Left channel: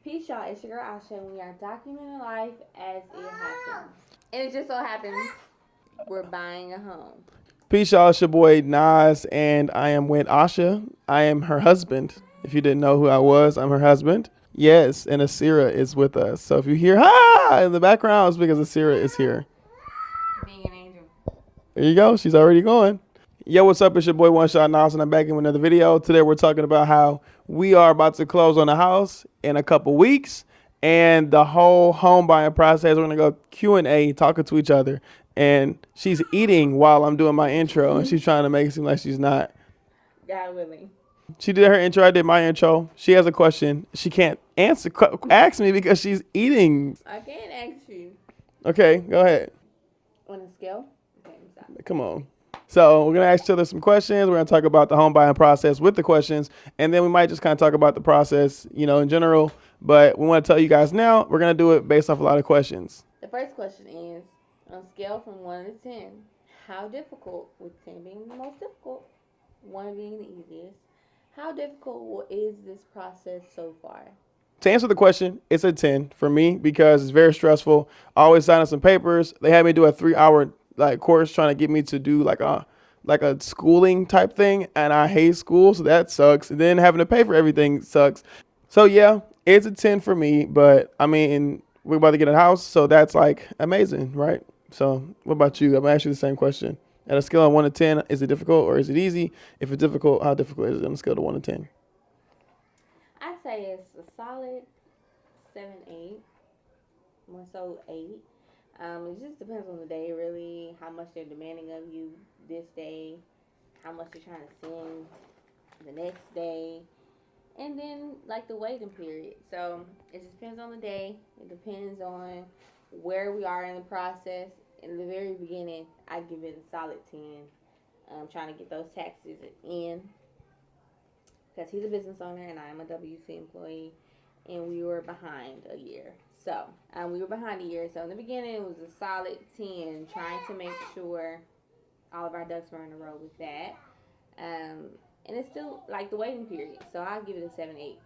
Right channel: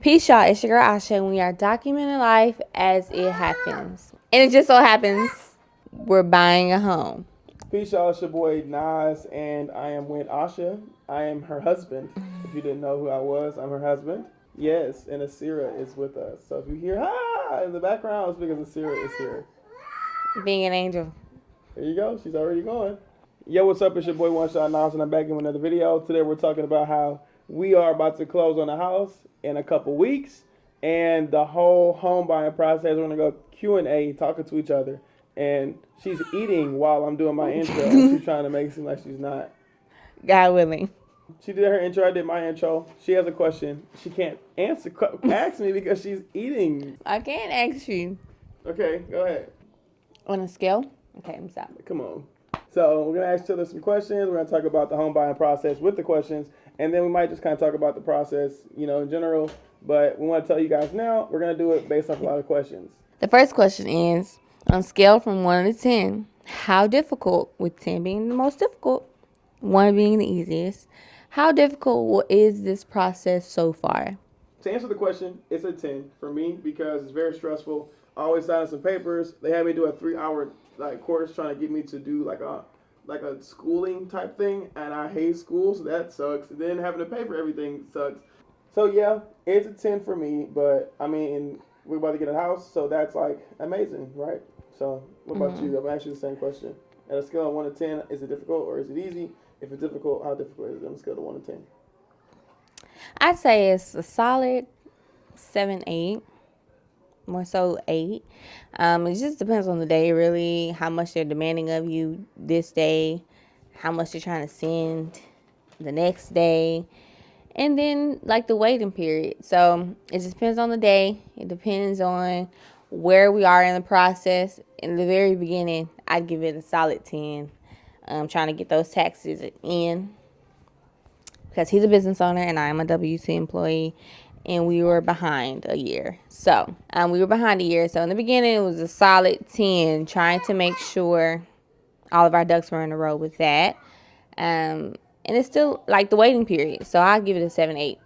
Peace, y'all. It's your girl Asha, and we are documenting life as it happens. And it just so happens we're buying a home. Peace, y'all. It's your boy Nas, and I am with Asha. I am her husband. If you didn't know who I was, I'm her husband. Yes, and Asira is with us. So if you hear "ha" in the background, it's because Asira is here. Being an angel. There you go. She's already going. Yo, what's up? It's your boy One Shot Nas, and I'm back in with another video. Today we're talking about how we are about to close on a house in a couple weeks, and the whole home buying process. We're gonna go Q&A, talking to each other, and she's eating while I'm doing my intro, and she's trying to make it seem like she's not. God willing. She did her intro. I did my intro. She has a question. She can't ask me because she's eating. I can't ask you. Okay, go ahead. On a scale? Okay, I'm stopping. Come on. So we're gonna ask each other some questions. We're gonna talk about the home buying process with the questions, and then we might just kind of talk about the process, in general. But we want to tell you guys now we're gonna do it based off a lot of questions. The first question is, on a scale from 1 to 10, how difficult, with 10 being the most difficult, 1 being the easiest, how difficult is this process so far? To answer the question, it's a 10 for me because it's very stressful. I always signing some papers. They had me do a 3-hour course trying to get me to do like a schooling type thing, and I hate school, so that sucks. And then having to pay for everything sucks. So yeah, it's a 10 for me, but I mean, we're about to get a house, so that's like amazing, right? So what about you? I'm gonna ask you the same question. At a scale of 1 to 10, is it difficult or is it easy? If it's difficult, how difficult is it on a scale of 1 to 10? I'd say it's a solid 7, 8, more so 8. It just depends on the day, really, how much they're demanding of you this day, how much they're trying to send the next day, and then like the waiting period. So it just depends on the day. It depends on where we are in the process. In the very beginning, I'd give it a solid 10. Trying to get those taxes in because he's a business owner and I am a W-2 employee, and we were behind a year. So we were behind a year. So in the beginning, it was a solid 10, trying to make sure all of our ducks were in a row with that. And it's still like the waiting period. So I'll give it a 7, 8.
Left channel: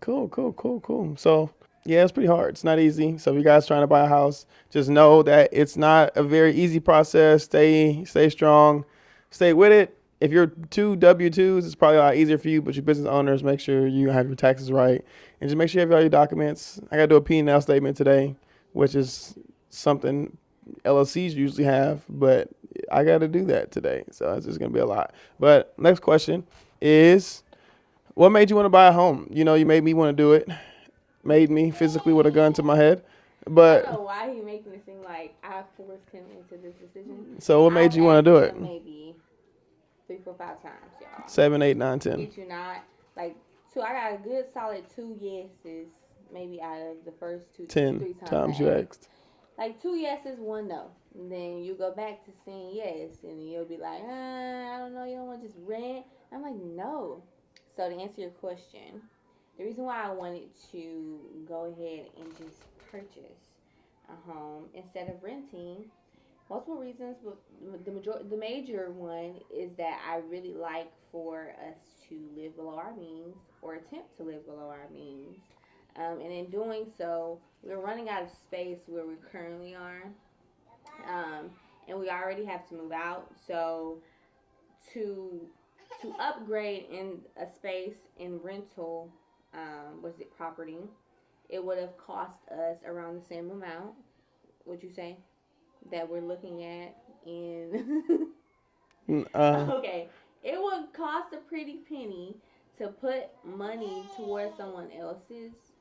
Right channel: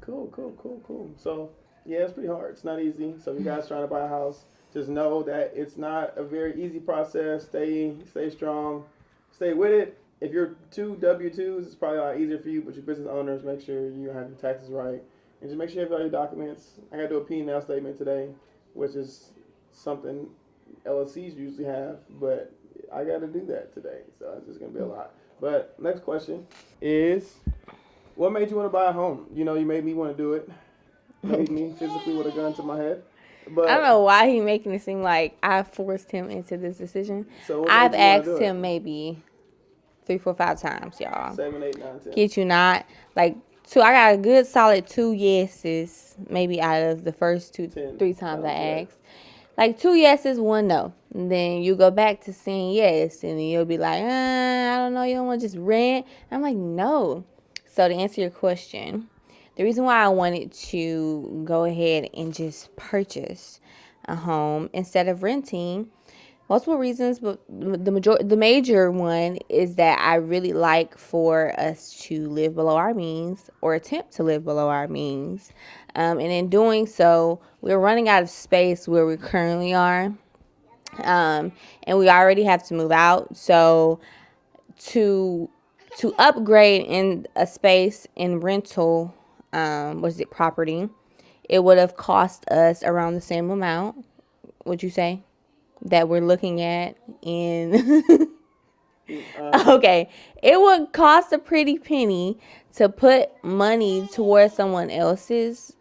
Cool. So yeah, it's pretty hard. It's not easy. So if you guys trying to buy a house, just know that it's not a very easy process. Stay strong, stay with it. If you're two W-2s, it's probably a lot easier for you, but your business owners, make sure you have your taxes right. And just make sure you have all your documents. I got to do a P&L statement today, which is something LLCs usually have, but I got to do that today. So it's just going to be a lot. But next question is, what made you want to buy a home? You made me want to do it. Made me physically with a gun to my head. But I don't know why he's making it seem like I forced him into this decision. So what made you want to do it? I've asked him maybe 3, 4, 5 times, y'all. 7, 8, 9, 10. Get you not. Like, 2, I got a good solid 2 yeses, maybe out of the first 3 times I asked. Like 2 yeses, 1 no. And then you go back to saying yes, and then you'll be like, I don't know, you don't want to just rent. I'm like, no. So to answer your question, the reason why I wanted to go ahead and just purchase a home instead of renting, multiple reasons, but the major one is that I really like for us to live below our means, or attempt to live below our means. And in doing so, we're running out of space where we currently are. And we already have to move out. So to upgrade in a space in rental, property, it would have cost us around the same amount, would you say, that we're looking at in okay, it would cost a pretty penny to put money towards someone else's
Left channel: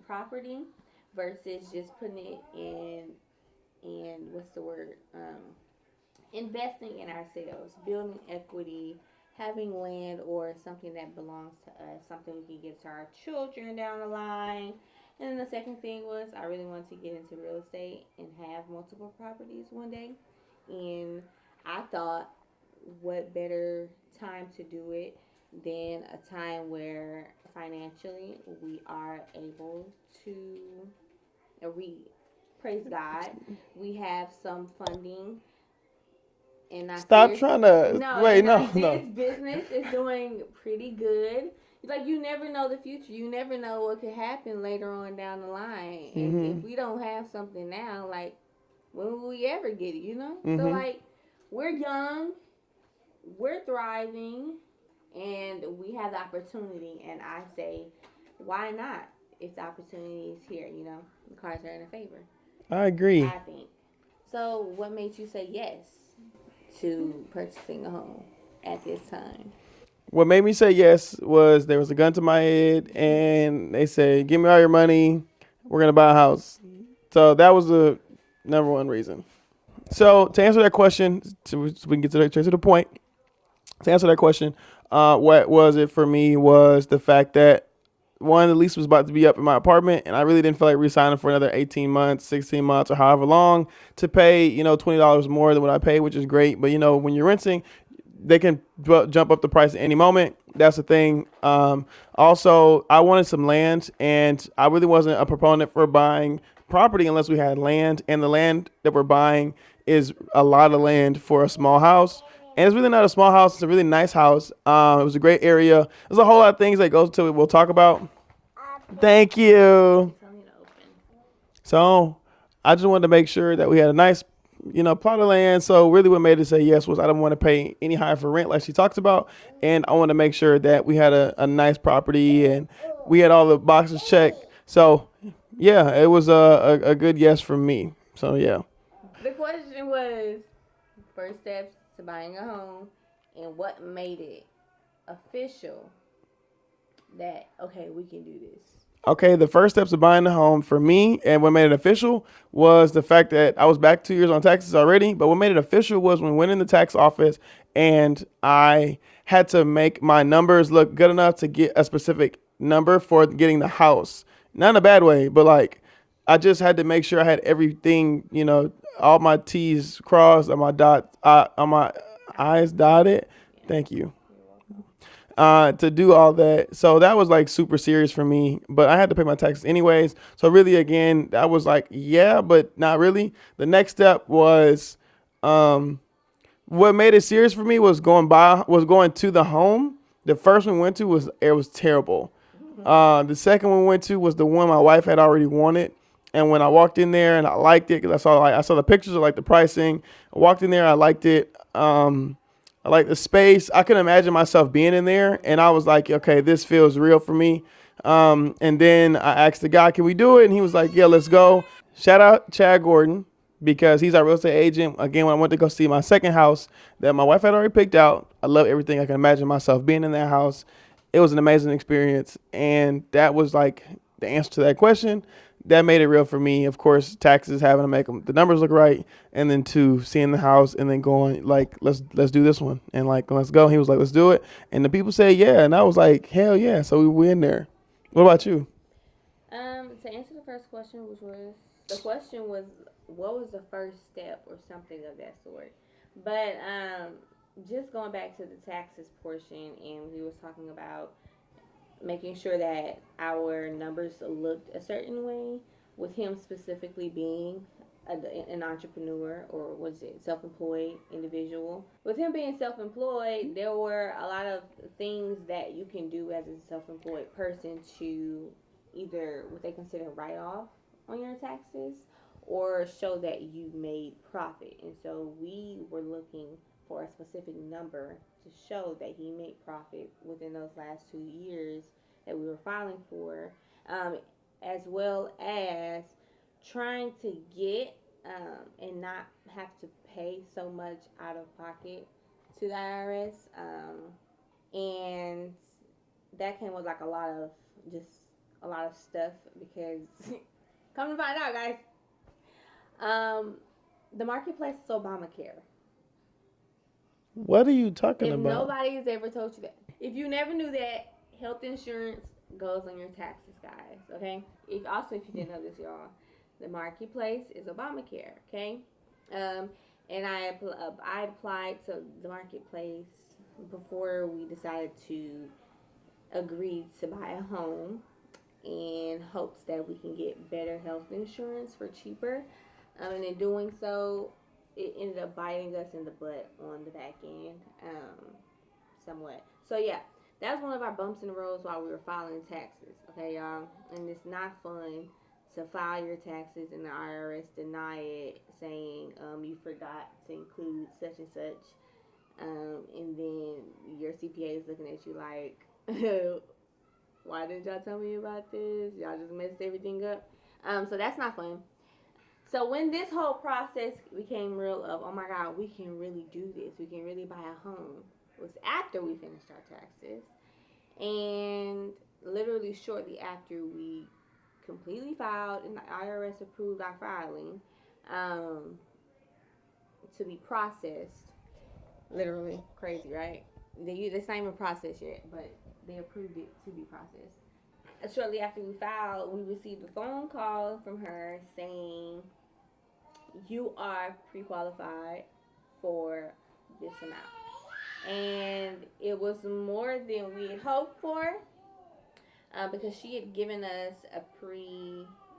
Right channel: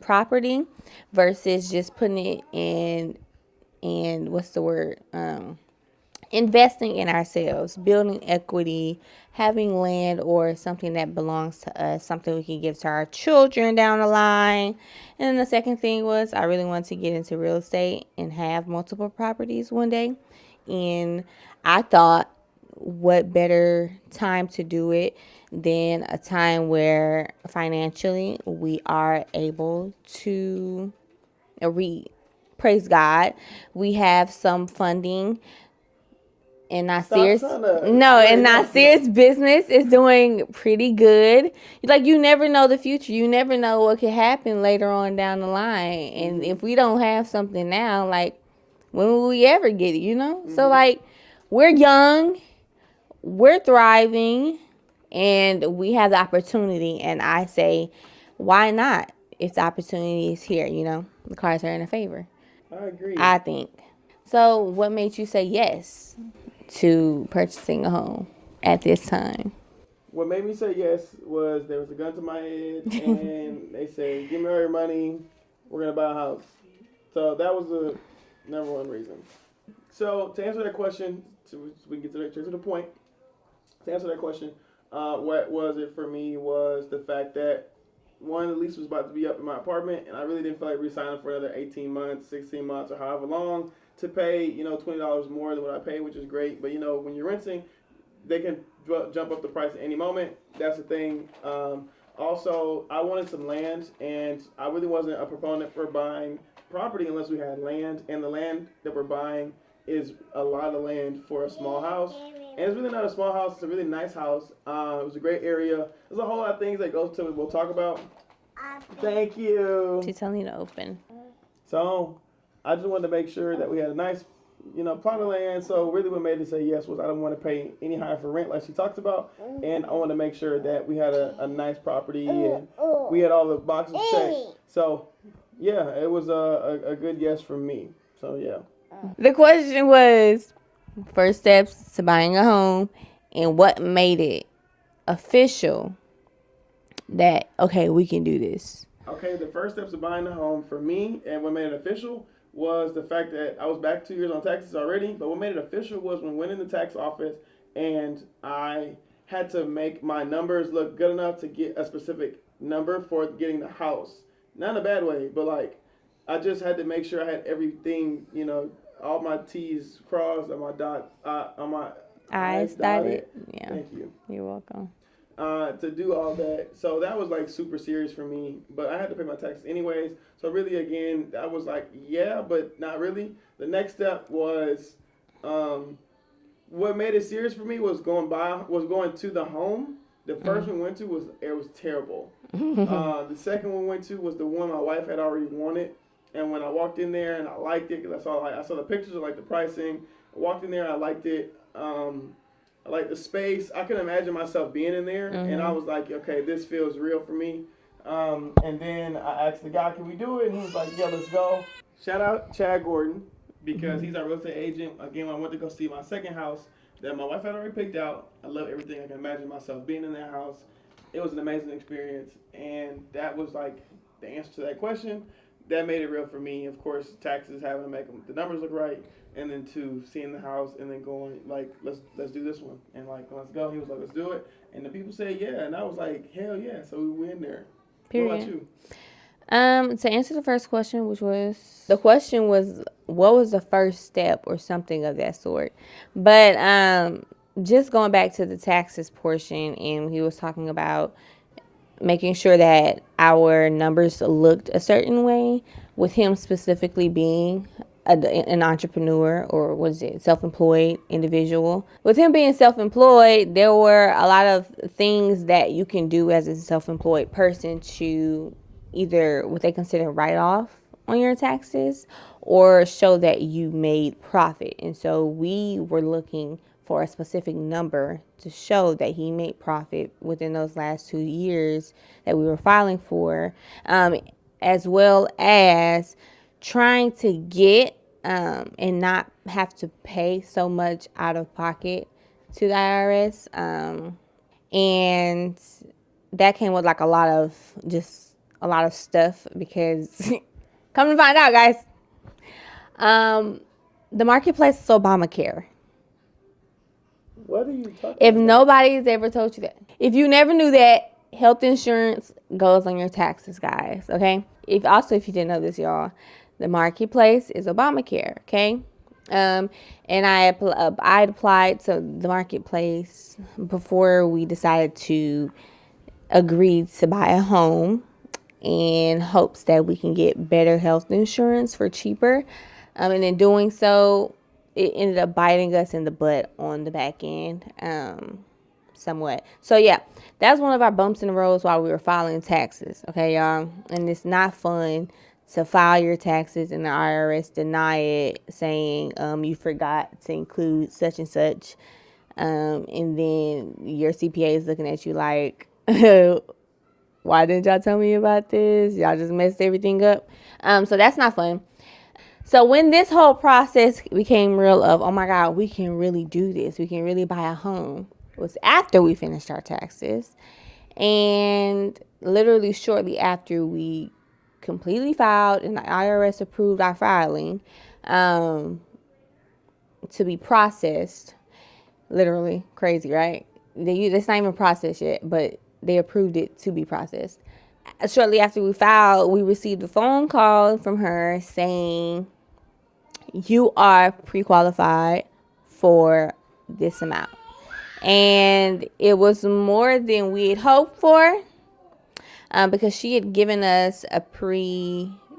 property versus just putting it in investing in ourselves, building equity, having land or something that belongs to us, something we can give to our children down the line. And then the second thing was I really wanted to get into real estate and have multiple properties one day. And I thought, what better time to do it than a time where financially we are able to praise God. We have some funding And not Stop serious. trying to. No, Wait, and not serious business is doing pretty good. Like, you never know the future. You never know what could happen later on down the line. And if we don't have something now, like, when will we ever get it, you know? So, like, we're young, we're thriving, and we have the opportunity. And I say, why not? If the opportunity is here, you know, the cards are in our favor. I agree. I think. So, what made you say yes to purchasing a home at this time? What made me say yes was there was a gun to my head, and they said, "Give me all your money. We're gonna buy a house." So that was the number one reason. So to answer that question, so we can get to the point. To answer that question, what was it for me was the fact that one, the lease was about to be up in my apartment, and I really didn't feel like re-signing for another 18 months, 16 months, or however long to pay, $20 more than what I paid, which is great. But, when you're renting, they can jump up the price at any moment. That's the thing. Also, I wanted some land, and I really wasn't a proponent for buying property unless we had land, and the land that we're buying is a lot of land for a small house. And it's really not a small house. It's a really nice house. It was a great area. There's a whole lot of things that goes to it we'll talk about. Thank you. She's telling you to open. So I just wanted to make sure that we had a nice, plot of land. So really what made it say yes was I didn't want to pay any higher for rent like she talked about. And I want to make sure that we had a nice property and we had all the boxes checked. So, yeah, it was a good yes from me. So, yeah. The question was first steps to buying a home and what made it official that, okay, we can do this. Okay, the first steps of buying a home for me and what made it official was the fact that I was back 2 years on taxes already, but what made it official was when we went in the tax office and I had to make my numbers look good enough to get a specific number for getting the house. Not in a bad way, but like I just had to make sure I had everything, all my T's crossed, on my I's dotted. Yeah. Thank you. You're welcome. To do all that. So that was like super serious for me, but I had to pay my taxes anyways. So really, again, that was like, yeah, but not really. The next step was, what made it serious for me was going to the home. The first one we went to was terrible. The second one we went to was the one my wife had already wanted. And when I walked in there and I liked it, because I saw the pictures of like the pricing. I walked in there, I liked it. I like the space. I couldn't imagine myself being in there. And I was like, okay, this feels real for me. And then I asked the guy, can we do it? And he was like, yeah, let's go. Shout out Chad Gordon, because he's our real estate agent. Again, when I went to go see my second house that my wife had already picked out, I love everything. I can imagine myself being in that house. It was an amazing experience. And that was like the answer to that question. That made it real for me. Of course, taxes, having to make the numbers look right, and then two, seeing the house and then going like, let's do this one, and like, let's go. He was like, let's do it, and the people say yeah, and I was like, hell yeah. So we went in there. Period. What about you? To answer the first question, what was the first step or something of that sort, but just going back to the taxes portion, and he was talking about making sure that our numbers looked a certain way, with him specifically being an entrepreneur, or what is it, self-employed individual. With him being self-employed, there were a lot of things that you can do as a self-employed person to either what they consider write-off on your taxes or show that you made profit. And so we were looking for a specific number to show that he made profit within those last 2 years that we were filing for, as well as trying to get and not have to pay so much out of pocket to the IRS. And that came with like a lot of stuff, because come to find out, guys, the marketplace is Obamacare. What are you talking If about? nobody's ever told you that. If you never knew that, health insurance goes on your taxes, guys, okay? If you didn't know this, y'all, the marketplace is Obamacare, okay? And I applied to the marketplace before we decided to agree to buy a home, in hopes that we can get better health insurance for cheaper. And in doing so, it ended up biting us in the butt on the back end, somewhat. So yeah, that's one of our bumps in the roads while we were filing taxes. Okay, y'all, and it's not fun to file your taxes and the IRS deny it, saying you forgot to include such and such, and then your CPA is looking at you like, why didn't y'all tell me about this? Y'all just messed everything up. So that's not fun. So when this whole process became real of, oh my God, we can really do this, we can really buy a home, was after we finished our taxes. And literally shortly after we completely filed and the IRS approved our filing to be processed. Literally crazy, right? It's not even processed yet, but they approved it to be processed. Shortly after we filed, we received a phone call from her saying, you are pre-qualified for this amount. And it was more than we had hoped for, because she had given us a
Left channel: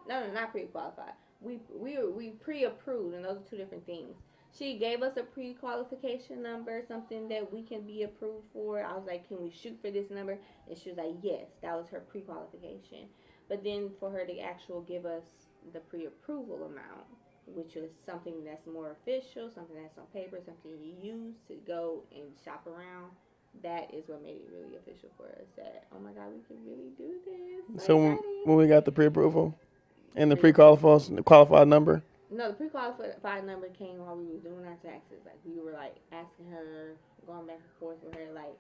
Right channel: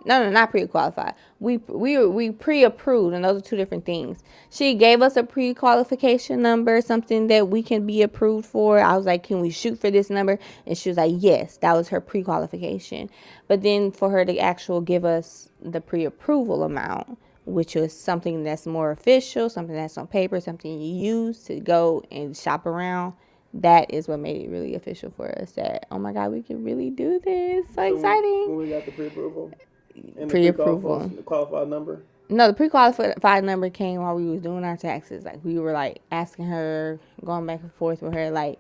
not pre-qualified. We pre-approved, and those are two different things. She gave us a pre-qualification number, something that we can be approved for. I was like, can we shoot for this number? And she was like, yes, that was her pre-qualification. But then for her to actually give us the pre-approval amount, which was something that's more official, something that's on paper, something you use to go and shop around, that is what made it really official for us. That, oh my God, we can really do this. So exciting. When we got the pre-approval and the pre-qualified number? No, the pre-qualified number came while we was doing our taxes. Like, we were like asking her, going back and forth with her, like,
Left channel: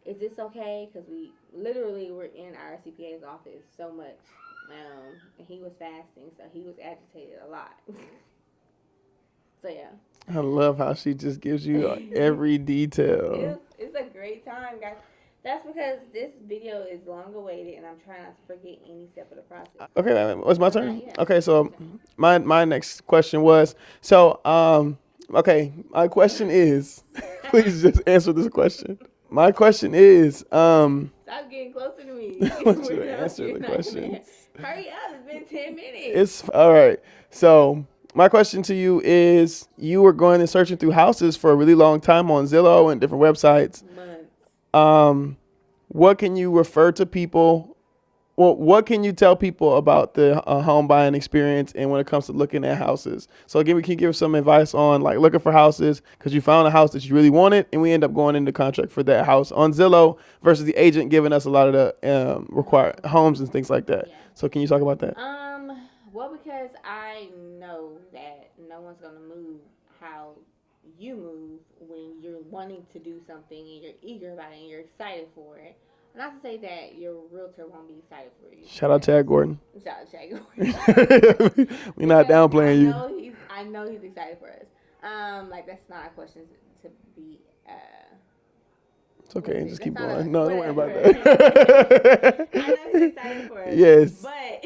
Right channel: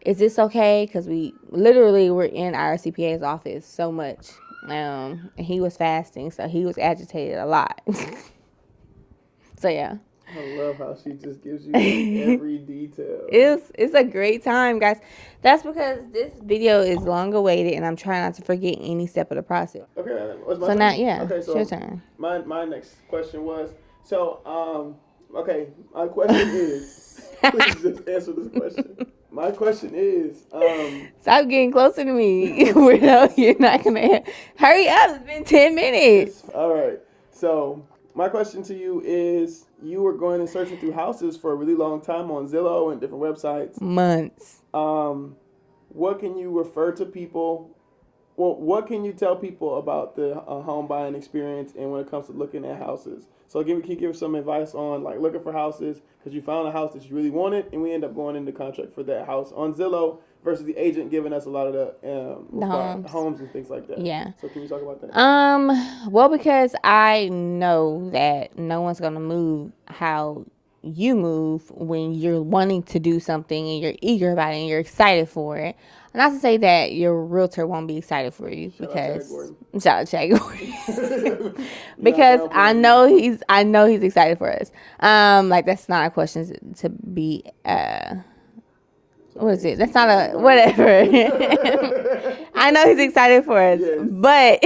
is this okay? Because we literally were in our CPA's office so much. And he was fasting, so he was agitated a lot. So yeah. I love how she just gives you every detail. It's a great time, guys. That's because this video is long awaited, and I'm trying not to forget any step of the process. Okay, what's my turn? Yeah. Okay, so my next question was, okay, my question is, please just answer this question. My question is, stop getting closer to me. Weirdo, you're not gonna hurry up. It's been 10 minutes. All right. So my question to you is, you were going and searching through houses for a really long time on Zillow and different websites. Months. What can you refer to people? Well, what can you tell people about the home buying experience and when it comes to looking at houses? So again, we can give some advice on like looking for houses because you found a house that you really wanted, and we end up going into contract for that house on Zillow versus the agent giving us a lot of the required homes and things like that. Yeah. So can you talk about that? Well, because I know that no one's gonna move how you move when you're wanting to do something and you're eager about it and you're excited for it. Not to say that your realtor won't be excited for you. Shout out Chad Gordon. Shout out Chad Gordon. Because I know he's excited for us. Like, that's not a question to be Okay. What is it? That's not a whatever. I know he's excited for us. Yes. But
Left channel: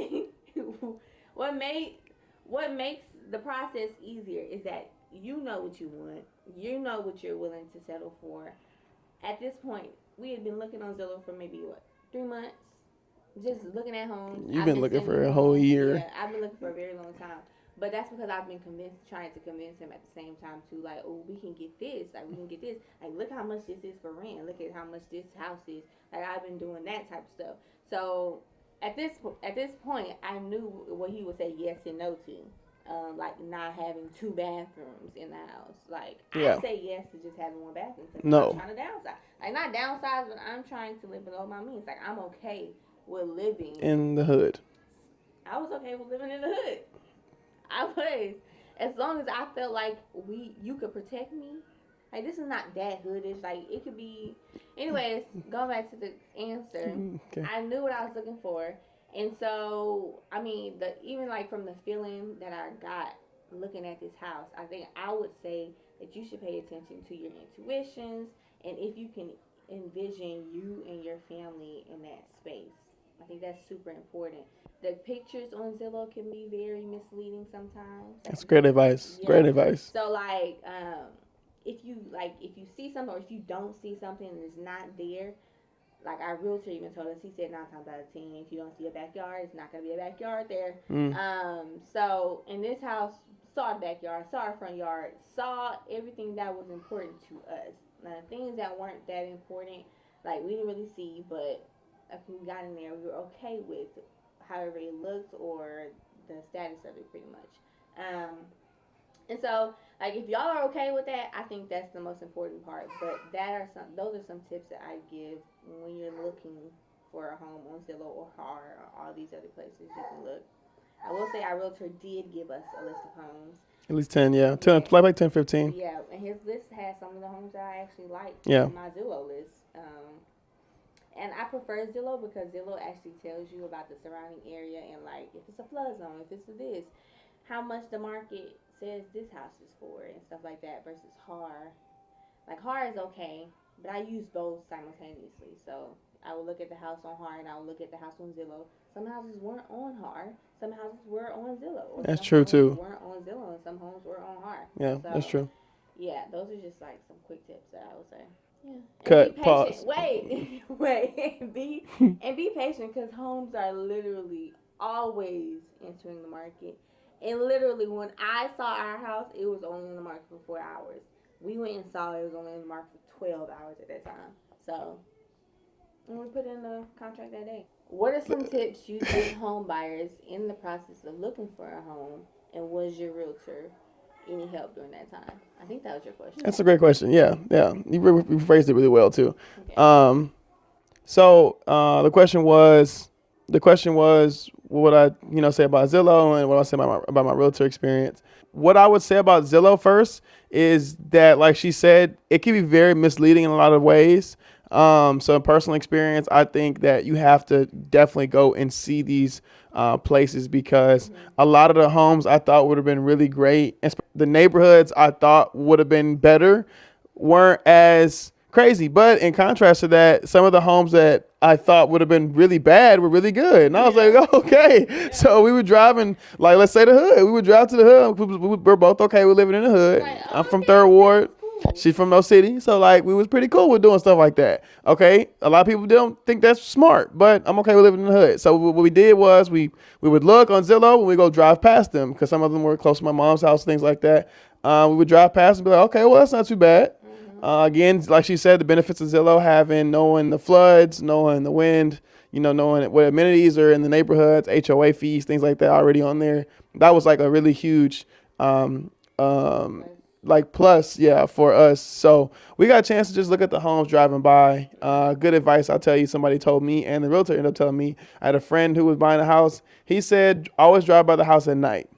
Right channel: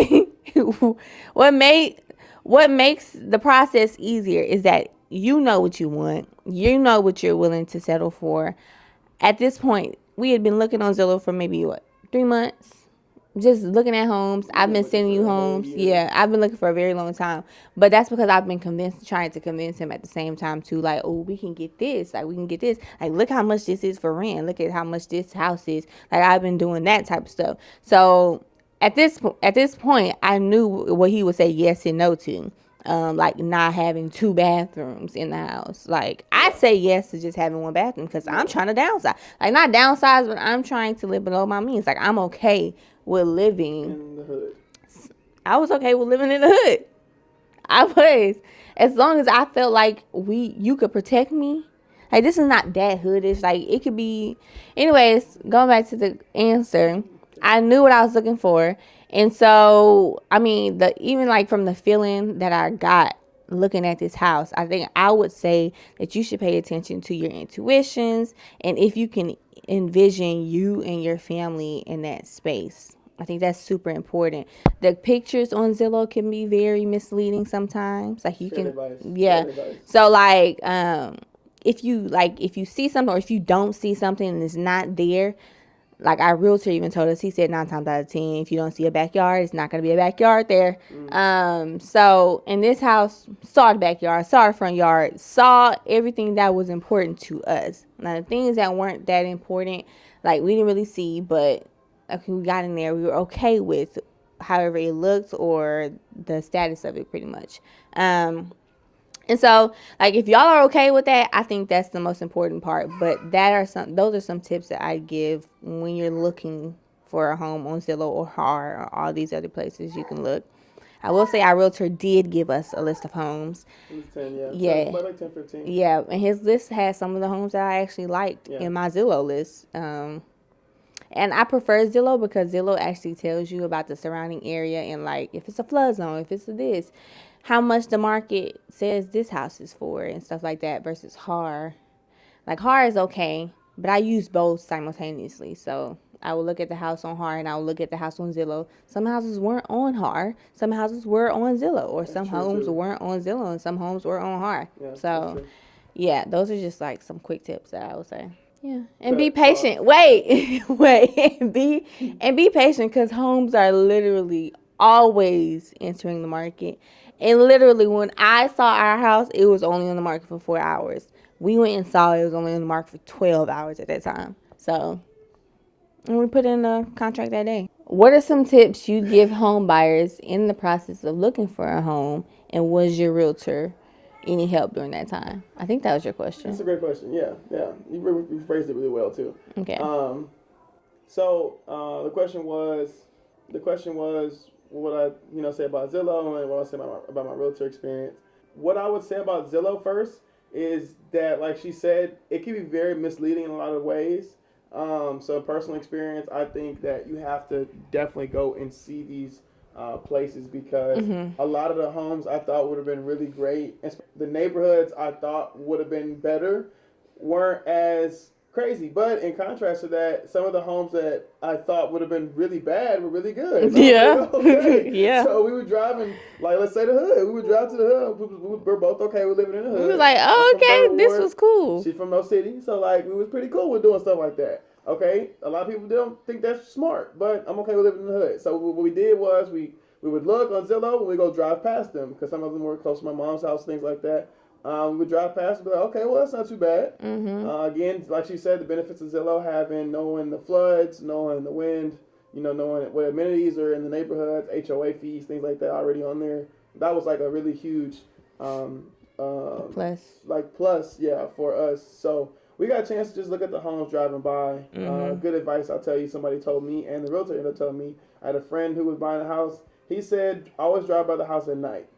what makes the process easier is that you know what you want. You know what you're willing to settle for. At this point, we had been looking on Zillow for maybe 3 months, just looking at homes. I've been sending you homes. Yeah, I've been looking for a very long time. But that's because I've been trying to convince him at the same time too. Like, oh, we can get this. Like, we can get this. Like, look how much this is for rent. Look at how much this house is. Like, I've been doing that type of stuff. So at this point, I knew what he would say yes and no to. Like not having 2 bathrooms in the house. Like, yeah. I say yes to just having 1 bathroom because I'm trying to downsize. Like, not downsize, but I'm trying to live below my means. Like, I'm okay with living in the hood. I was okay with living in the hood. I was, as long as I felt like you could protect me. Like, this is not that hoodish. Like, it could be. Anyways, going back to the answer, okay. I knew what I was looking for. And so, I mean, even like from the feeling that I got looking at this house, I think I would say that you should pay attention to your intuitions. And if you can envision you and your family in that space, I think that's super important. The pictures on Zillow can be very misleading sometimes. Like, that's great advice. Yeah. Great advice. So like, if you see something or if you don't see something and it's not there, like our realtor even told us, he said 9 times out of 10, if you don't see a backyard, it's not going to be a backyard there. So in this house, saw the backyard, saw the front yard, saw everything that was important to us. Now the things that weren't that important, like we didn't really see, but we got in there, we were okay with however it looked or the status of it pretty much. And so, like, if y'all are okay with that, I think that's the most important part. But those are some tips that I give when you're looking for a home on Zillow or HAR or all these other places you can look. I will say our realtor did give us a list of homes. At least 10, yeah. 10, like 10, 15. Yeah, and his list has some of the homes that I actually liked in my Zillow list. And I prefer Zillow because Zillow actually tells you about the surrounding area and, like, if it's a flood zone, if it's this, how much the market says this house is for and stuff like that versus HAR. Like, HAR is okay, but I use both simultaneously. So I will look at the house on HAR and I will look at the house on Zillow. Some houses weren't on HAR. Some houses were on Zillow. Or some homes weren't on Zillow and some homes were on HAR. Yeah, so, that's true. Yeah, those are just, like, some quick tips that I would say. Yeah, and be patient. Wait, be patient because homes are literally always entering the market. And literally, when I saw our house, it was only on the market for 4 hours. We went and saw it was only on the market for 12 hours at that time. So, and we put in a contract that day. What are some tips you give home buyers in the process of looking for a home? And was your realtor any help during that time? I think that was your question. That's a great question. Yeah. You phrased it really well too. Okay. So the question was, what would I say about Zillow and what I say about my realtor experience. What I would say about Zillow first is that, like she said, it can be very misleading in a lot of ways. So in personal experience, I think that you have to definitely go and see these places because a lot of the homes I thought would have been really great. The neighborhoods I thought would have been better weren't as crazy. But in contrast to that, some of the homes that I thought would have been really bad were really good. And I was like, okay. So we were driving, like, let's say the hood. We would drive to the hood. We're both okay with living in the hood. Like, oh, I'm from Third Ward. This was cool. She's from no city. So, like, we was pretty cool with doing stuff like that. Okay. A lot of people don't think that's smart, but I'm okay with living in the hood. So what we did was we would look on Zillow and we go drive past them because some of them were close to my mom's house, things like that. We would drive past and be like, okay, well, that's not too bad. Again, like she said, the benefits of Zillow knowing the floods, knowing the wind, knowing what amenities are in the neighborhoods, HOA fees, things like that already on there. That was like a really huge plus, for us. So we got a chance to just look at the homes driving by. Good advice, I'll tell you, somebody told me, and the realtor ended up telling me. I had a friend who was buying a house. He said, always drive by the house at night.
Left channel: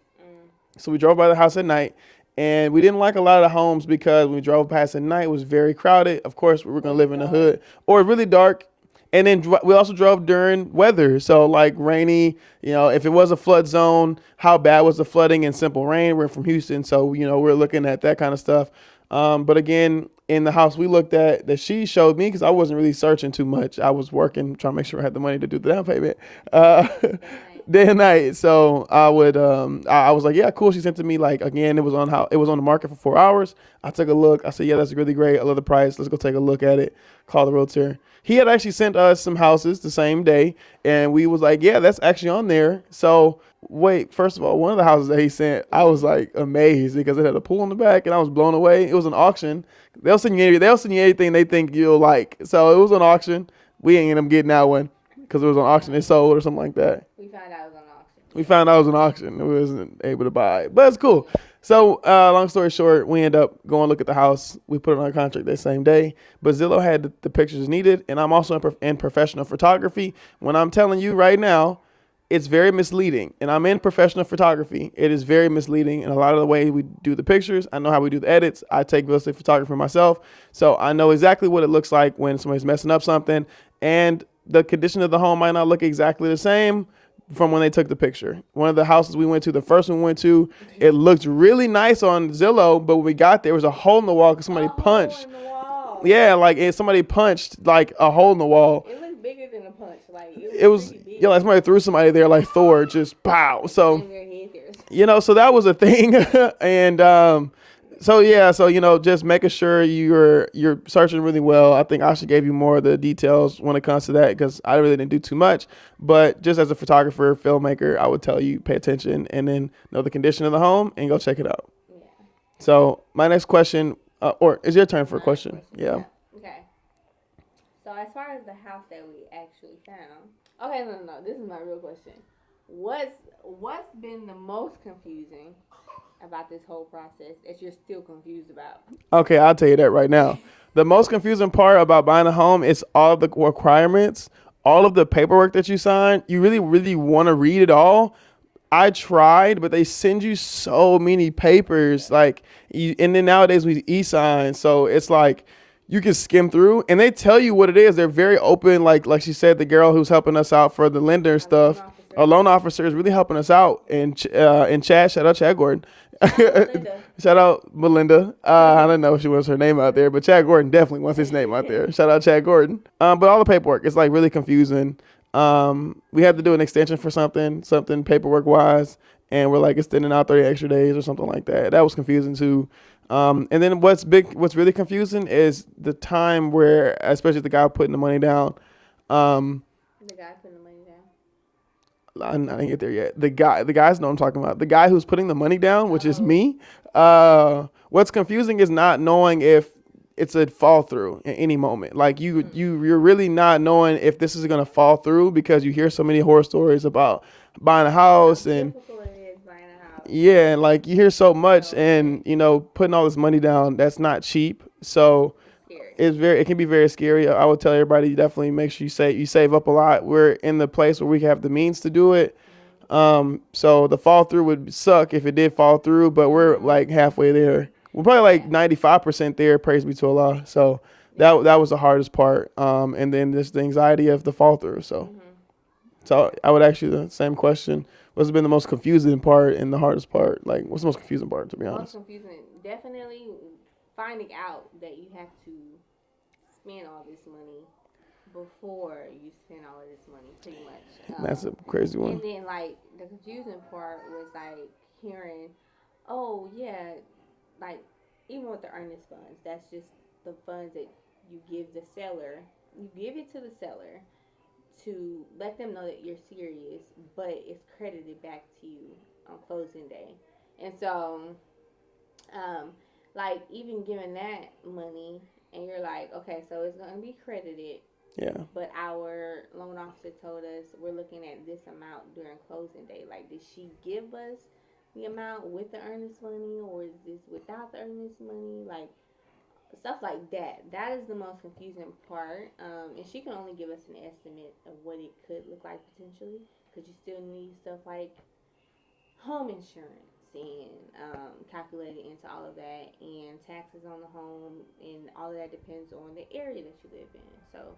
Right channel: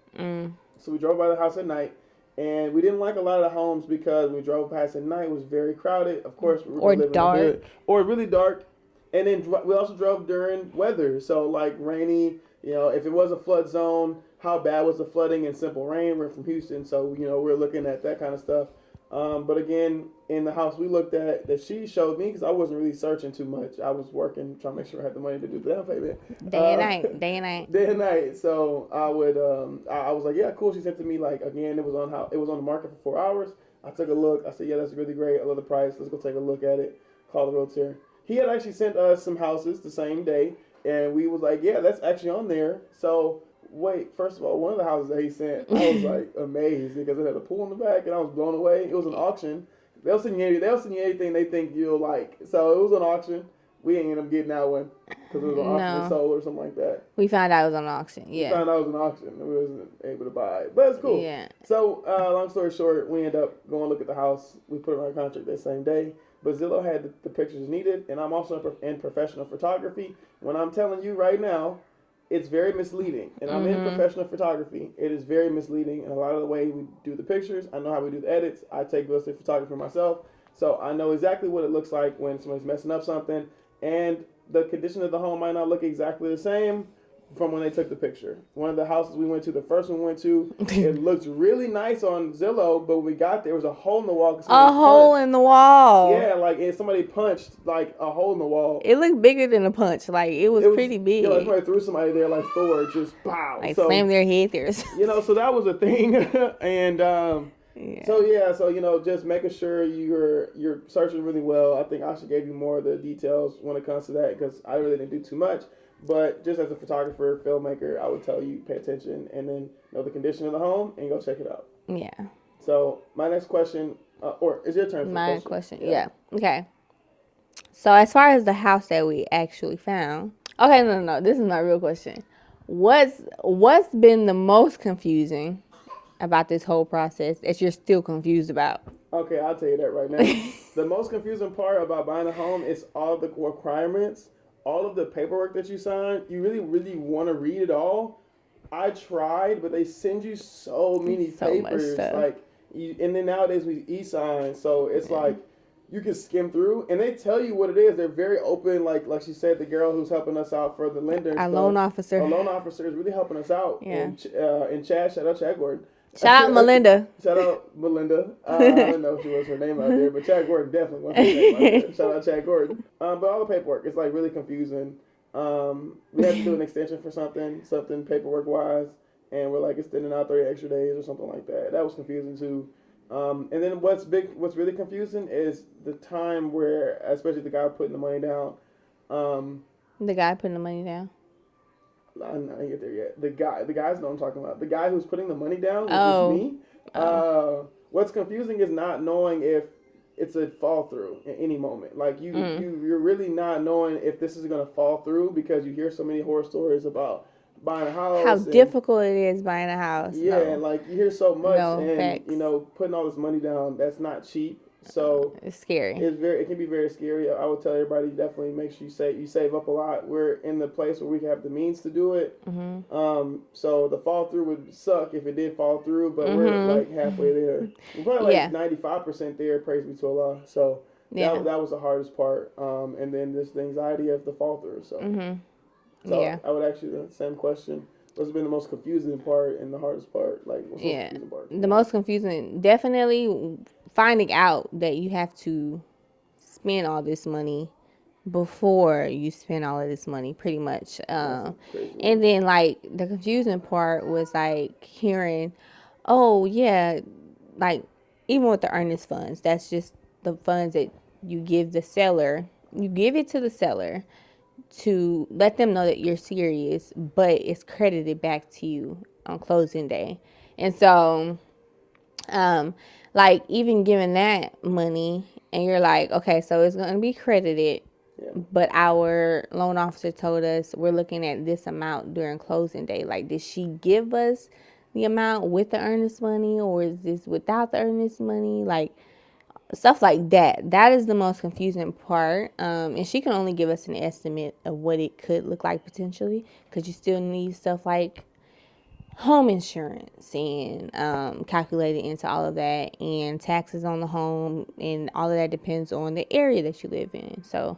So we drove by the house at night. And we didn't like a lot of the homes because when we drove past at night, it was very crowded. Of course, we were going to live in the hood. Or really dark. And then we also drove during weather. So, like, rainy, if it was a flood zone, how bad was the flooding in simple rain? We're from Houston, so, we're looking at that kind of stuff. But again, in the house we looked at that she showed me, because I wasn't really searching too much. I was working, trying to make sure I had the money to do the down payment. Day and night. So I would, I was like, yeah, cool. She sent to me, like, again, it was on the market for 4 hours. I took a look. I said, yeah, that's really great. I love the price. Let's go take a look at it. Call the realtor. He had actually sent us some houses the same day, and we was like, yeah, that's actually on there. So wait, first of all, one of the houses that he sent, I was like amazed because it had a pool in the back, and I was blown away. It was an auction. They'll send you anything they think you'll like. So it was an auction. We ain't end up getting that one because it was an auction. It sold or something like that. We found out it was an auction. We found out it was an auction. We wasn't able to buy it, but it's cool. Yeah. So long story short, we end up going look at the house. We put it on our contract that same day. But Zillow had the pictures needed, and I'm also in professional photography. When I'm telling you right now, it's very misleading. And I'm in professional photography. It is very misleading in a lot of the way we do the pictures. I know how we do the edits. I take real estate photography myself. So I know exactly what it looks like when somebody's messing up something. And the condition of the home might not look exactly the same from when they took the picture. One of the houses we went to, the first one we went to, it looked really nice on Zillow, but when we got there was a hole in the wall because somebody punched. A hole in the wall. Yeah, like somebody punched like a hole in the wall. It looked bigger than a punch. Like it was pretty big. Yeah, like somebody threw somebody there like Thor, just pow. Like slammed their head there. So that was a thing. And So just making sure you're searching really well. I think Asha gave you more of the details when it comes to that because I really didn't do too much. But just as a photographer, filmmaker, I would tell you pay attention and then know the condition of the home and go check it out. Yeah. So my next question, or is your turn for a My question? Yeah. Okay. So as far as the house that we actually found, okay, no, this is my real question. What's been the most confusing about this whole process that you're still confused about? Okay, I'll tell you that right now. The most confusing part about buying a home is all the requirements, all of the paperwork that you sign. You really, really want to read it all. I tried, but they send you so many papers. And then nowadays we e-sign, so it's like you can skim through, and they tell you what it is. They're very open. Like she said, the girl who's helping us out for the lender and stuff. Our loan officer is really helping us out. Yeah. And Chad, shout out Chad Gordon. Shout out Melinda. Shout out Melinda. I don't know if she wants her name out there, but Chad Gordon definitely wants his name out there. Shout out Chad Gordon. But all the paperwork, it's like really confusing. We had to do an extension for something paperwork wise, and we're like extending out 30 extra days or something like that. That was confusing too. And then what's really confusing is the time where, especially the guy putting the money down. The guy putting the money down. I didn't get there yet. The guys know what I'm talking about. The guy who's putting the money down, which is me. What's confusing is not knowing if it's a fall through at any moment. Like you're really not knowing if this is gonna fall through because you hear so many horror stories about buying a house. How difficult it is buying a house. Yeah, and like you hear so much, and putting all this money down, that's not cheap. So it's scary. It can be very scary. I would tell everybody definitely make sure you save up a lot. We're in the place where we have the means to do it. Mm-hmm. So the fall through would suck if it did fall through, but we're like halfway there. We're probably like 95% there. Praise be to Allah. So that was the hardest part. And then just the anxiety of the fall through. So I would ask you the same question. What's been the most confusing part and the hardest part? Like, what's the most confusing part? The most confusing, definitely finding out that you have to spend all this money before you spend all of this money, pretty much. That's a crazy one. And then, like, the confusing part was, like, hearing, oh, yeah, like, even with the earnest funds, that's just the funds that you give the seller. You give it to the seller to let them know that you're serious, but it's credited back to you on closing day. And so, like, even giving that money, and you're like, okay, so it's going to be credited, but our loan officer told us we're looking at this amount during closing day. Like, did she give us the amount with the earnest money, or is this without the earnest money? Like, stuff like that. That is the most confusing part. And she can only give us an estimate of what it could look like potentially, because you still need stuff like home insurance and calculated into all of that, and taxes on the home, and all of that depends on the area that you live in. So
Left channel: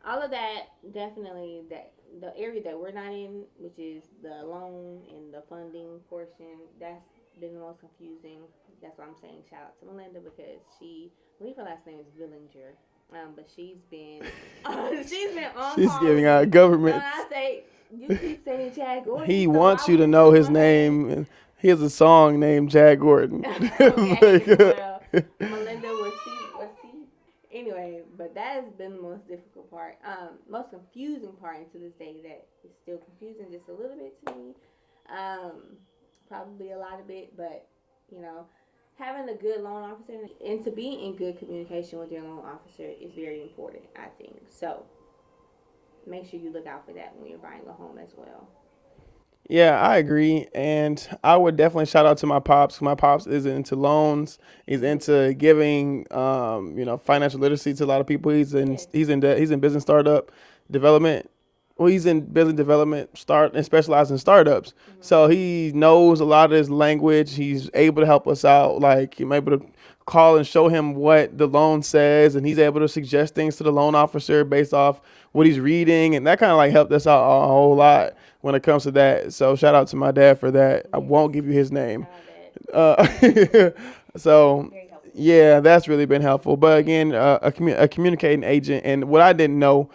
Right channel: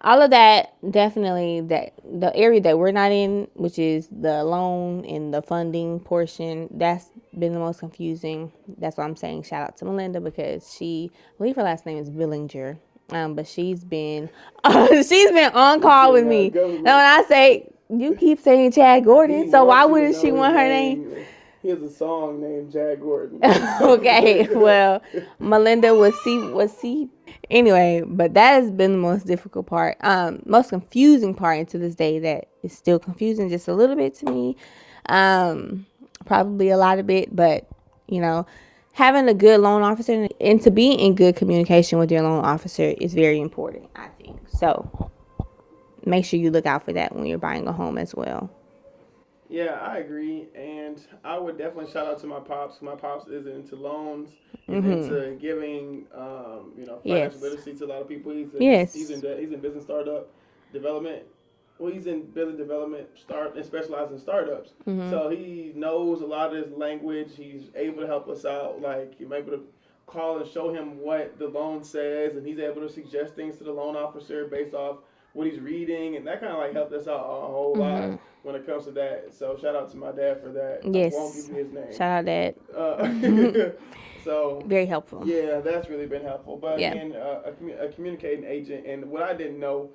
all of that, definitely, that the area that we're not in, which is the loan and the funding portion, that's been the most confusing. That's why I'm saying shout out to Melinda, because I believe her last name is Billinger, but she's been on call with me. Now when I say, you keep saying Chad Gordon, so why wouldn't she want her name? He has a song named Chad Gordon. Okay, well, Melinda was C. Anyway, but that has been the most difficult part, most confusing part, and to this day that is still confusing just a little bit to me, probably a lot of it, but having a good loan officer and to be in good communication with your loan officer is very important, I think. So make sure you look out for that when you're buying a home as well. Yeah, I agree. And I would definitely shout out to my pops. My pops is into loans. He's into giving, financial literacy to a lot of people. He's in business startup development. Well, he's in business development and specializes in startups. So he knows a lot of this language. He's able to help us out. Like, I'm able to call and show him what the loan says, and he's able to suggest things to the loan officer based off what he's reading, and that kind of like helped us out a whole lot when it comes to that. So shout out to my dad for that. Yes. I won't give you his name. Shout out, Dad. So very helpful. Yeah, that's really been helpful. But Yeah. again, a communicating agent, and what I didn't know,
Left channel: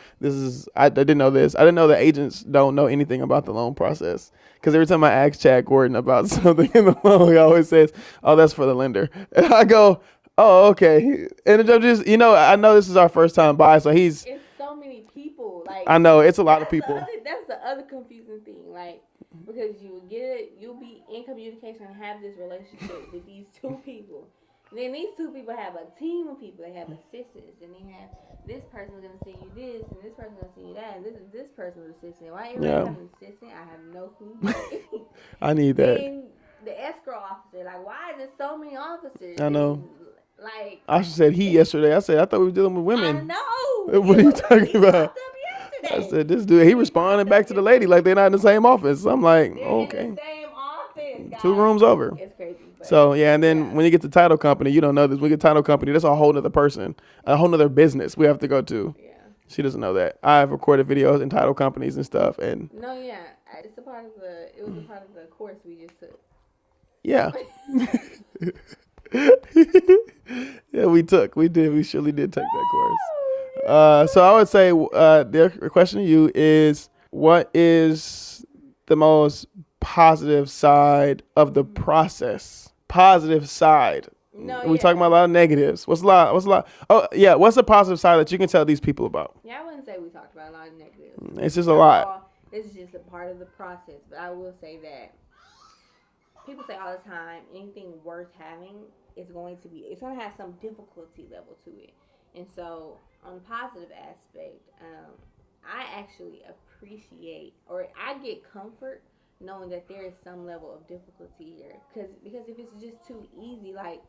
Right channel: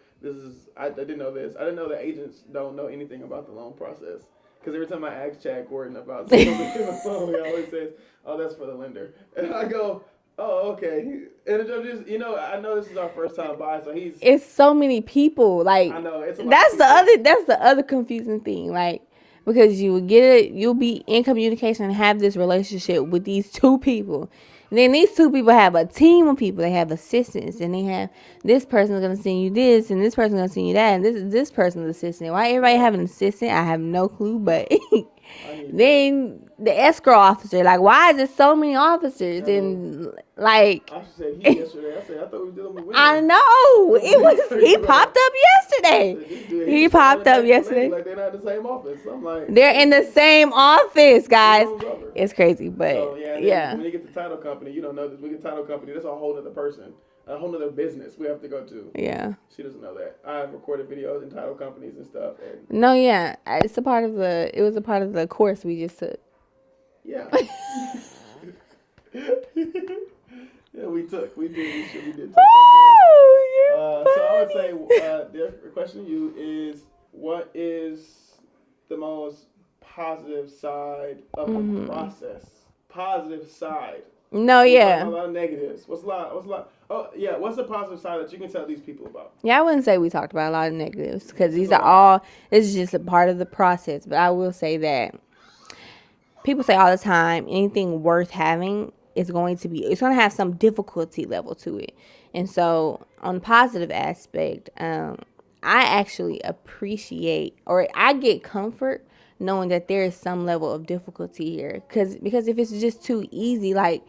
I didn't know this. I didn't know that agents don't know anything about the loan process. Because every time I ask Chad Gordon about something in the loan, he always says, "Oh, that's for the lender," and I go, "Oh, okay." And I'm just, I know this is our first time buy, so it's so many people. Like, I know it's a lot of people. That's the other confusing thing. Like, because you would get it, you'll be in communication and have this relationship with these two people. And then these two people have a team of people. They have assistants, and they have this person's gonna send you this, and this person's gonna send you that, and this person's assistant. Why everybody have an assistant? I have no clue, but I need that. Then the escrow officer, like, why is there so many officers? I know. And like, Asha said he yesterday. I said I thought we were dealing with women. I know. He popped up yesterday. I said this dude. He responded back to the lady like they're not in the same office. I'm like, they're in the same office, guys. 2 rooms over. It's crazy, but so yeah. And then when you get the title company, you don't know this. When you get title company, that's a whole nother person, a whole nother business we have to go to. Yeah. She doesn't know that. I've recorded videos in title companies and stuff, and no, yeah, it was a part of the course we just took. Yeah. Yeah, we surely did take that course. So I would say the question to you is, what is the most positive side of the process? Positive side. No, We're talking about a lot of negatives. What's a lot? Oh, yeah. What's the positive side that you can tell these people about? Yeah, I wouldn't say we talked about a lot of negatives because it's just a part of the process. But I will say that people say all the time, anything worth having it's going to have some difficulty level to it. And so on the positive aspect, I actually appreciate, or I get comfort knowing that there is some level of difficulty here. Because if it's just too easy, like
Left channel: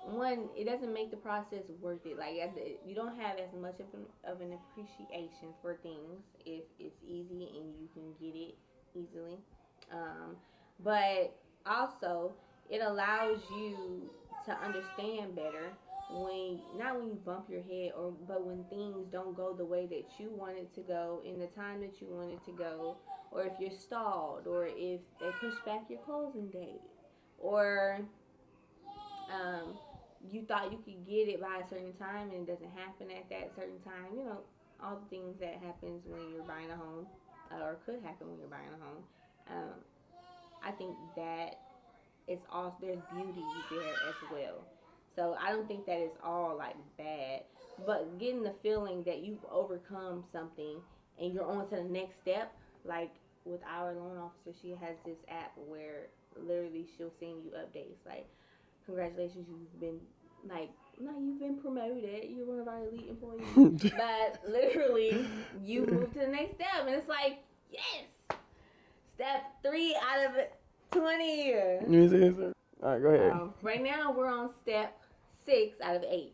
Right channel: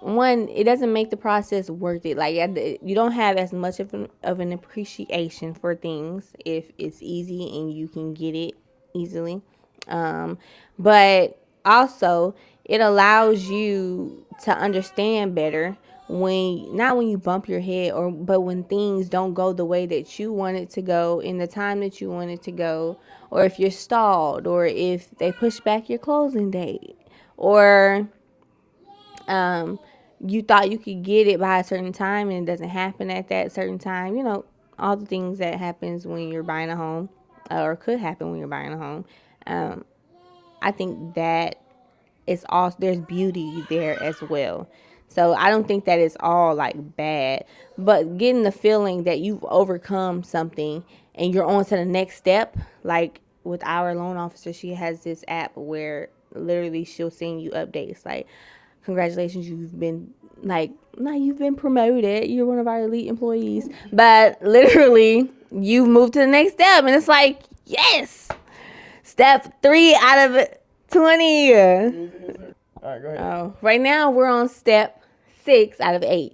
one, it doesn't make the process worth it. Like, you don't have as much of an appreciation for things if it's easy and you can get it easily. But also it allows you to understand better not when you bump your head, but when things don't go the way that you want it to go in the time that you want it to go, or if you're stalled, or if they push back your closing date, or you thought you could get it by a certain time and it doesn't happen at that certain time. All the things that happens when you're buying a home, or could happen when you're buying a home. I think that there's beauty there as well. So I don't think that it's all like bad, but getting the feeling that you've overcome something and you're on to the next step. Like with our loan officer, she has this app where literally she'll send you updates like, congratulations, you've been promoted, you're one of our elite employees. But literally you've moved to the next step, and it's like, yes, step 3 out of 20. All right, go ahead. Right now we're on step 6 out of 8.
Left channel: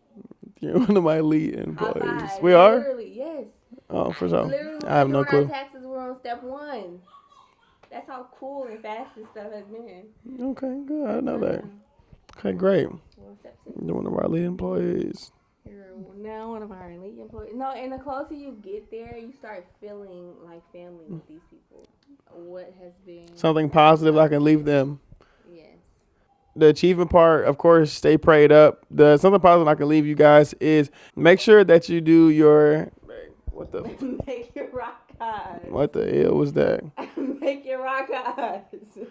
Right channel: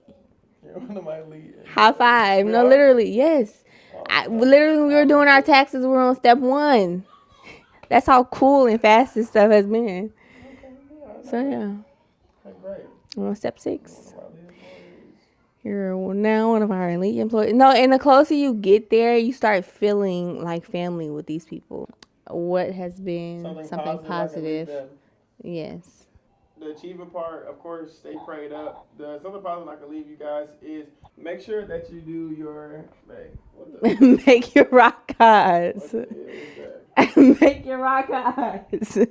You're one of my elite employees. High five. We are? Literally, yes. Literally, when we were doing our taxes, we're on step 1. That's how cool and fast this stuff has been. Okay, good. I know that. Yeah. Okay, great. We're on step 6. You're one of our elite employees. You're now one of our elite employees. No, and the closer you get there, you start feeling like family with these people. What has been something positive I can leave them. Yes. The achievement part, of course, stay prayed up. The something positive I can leave you guys is make sure that you do your make your rock odds. What the hell was that? Make your rock odds. That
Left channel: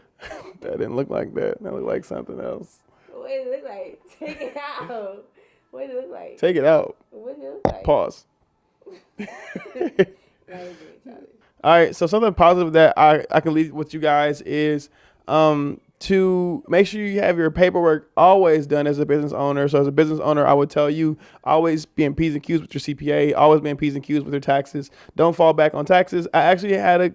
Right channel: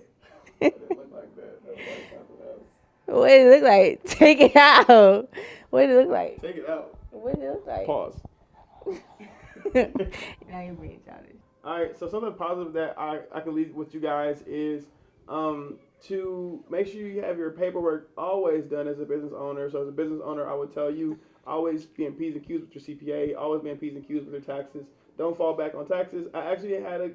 didn't look like that. That looked like something else. What did it look like? Take it out. What did it look like? Take it out. What did it look like? Pause. All right, so something positive that I can leave with you guys is to make sure you have your paperwork always done as a business owner. So as a business owner, I would tell you, always be in P's and Q's with your CPA, always be in P's and Q's with your taxes. Don't fall back on taxes. I actually had a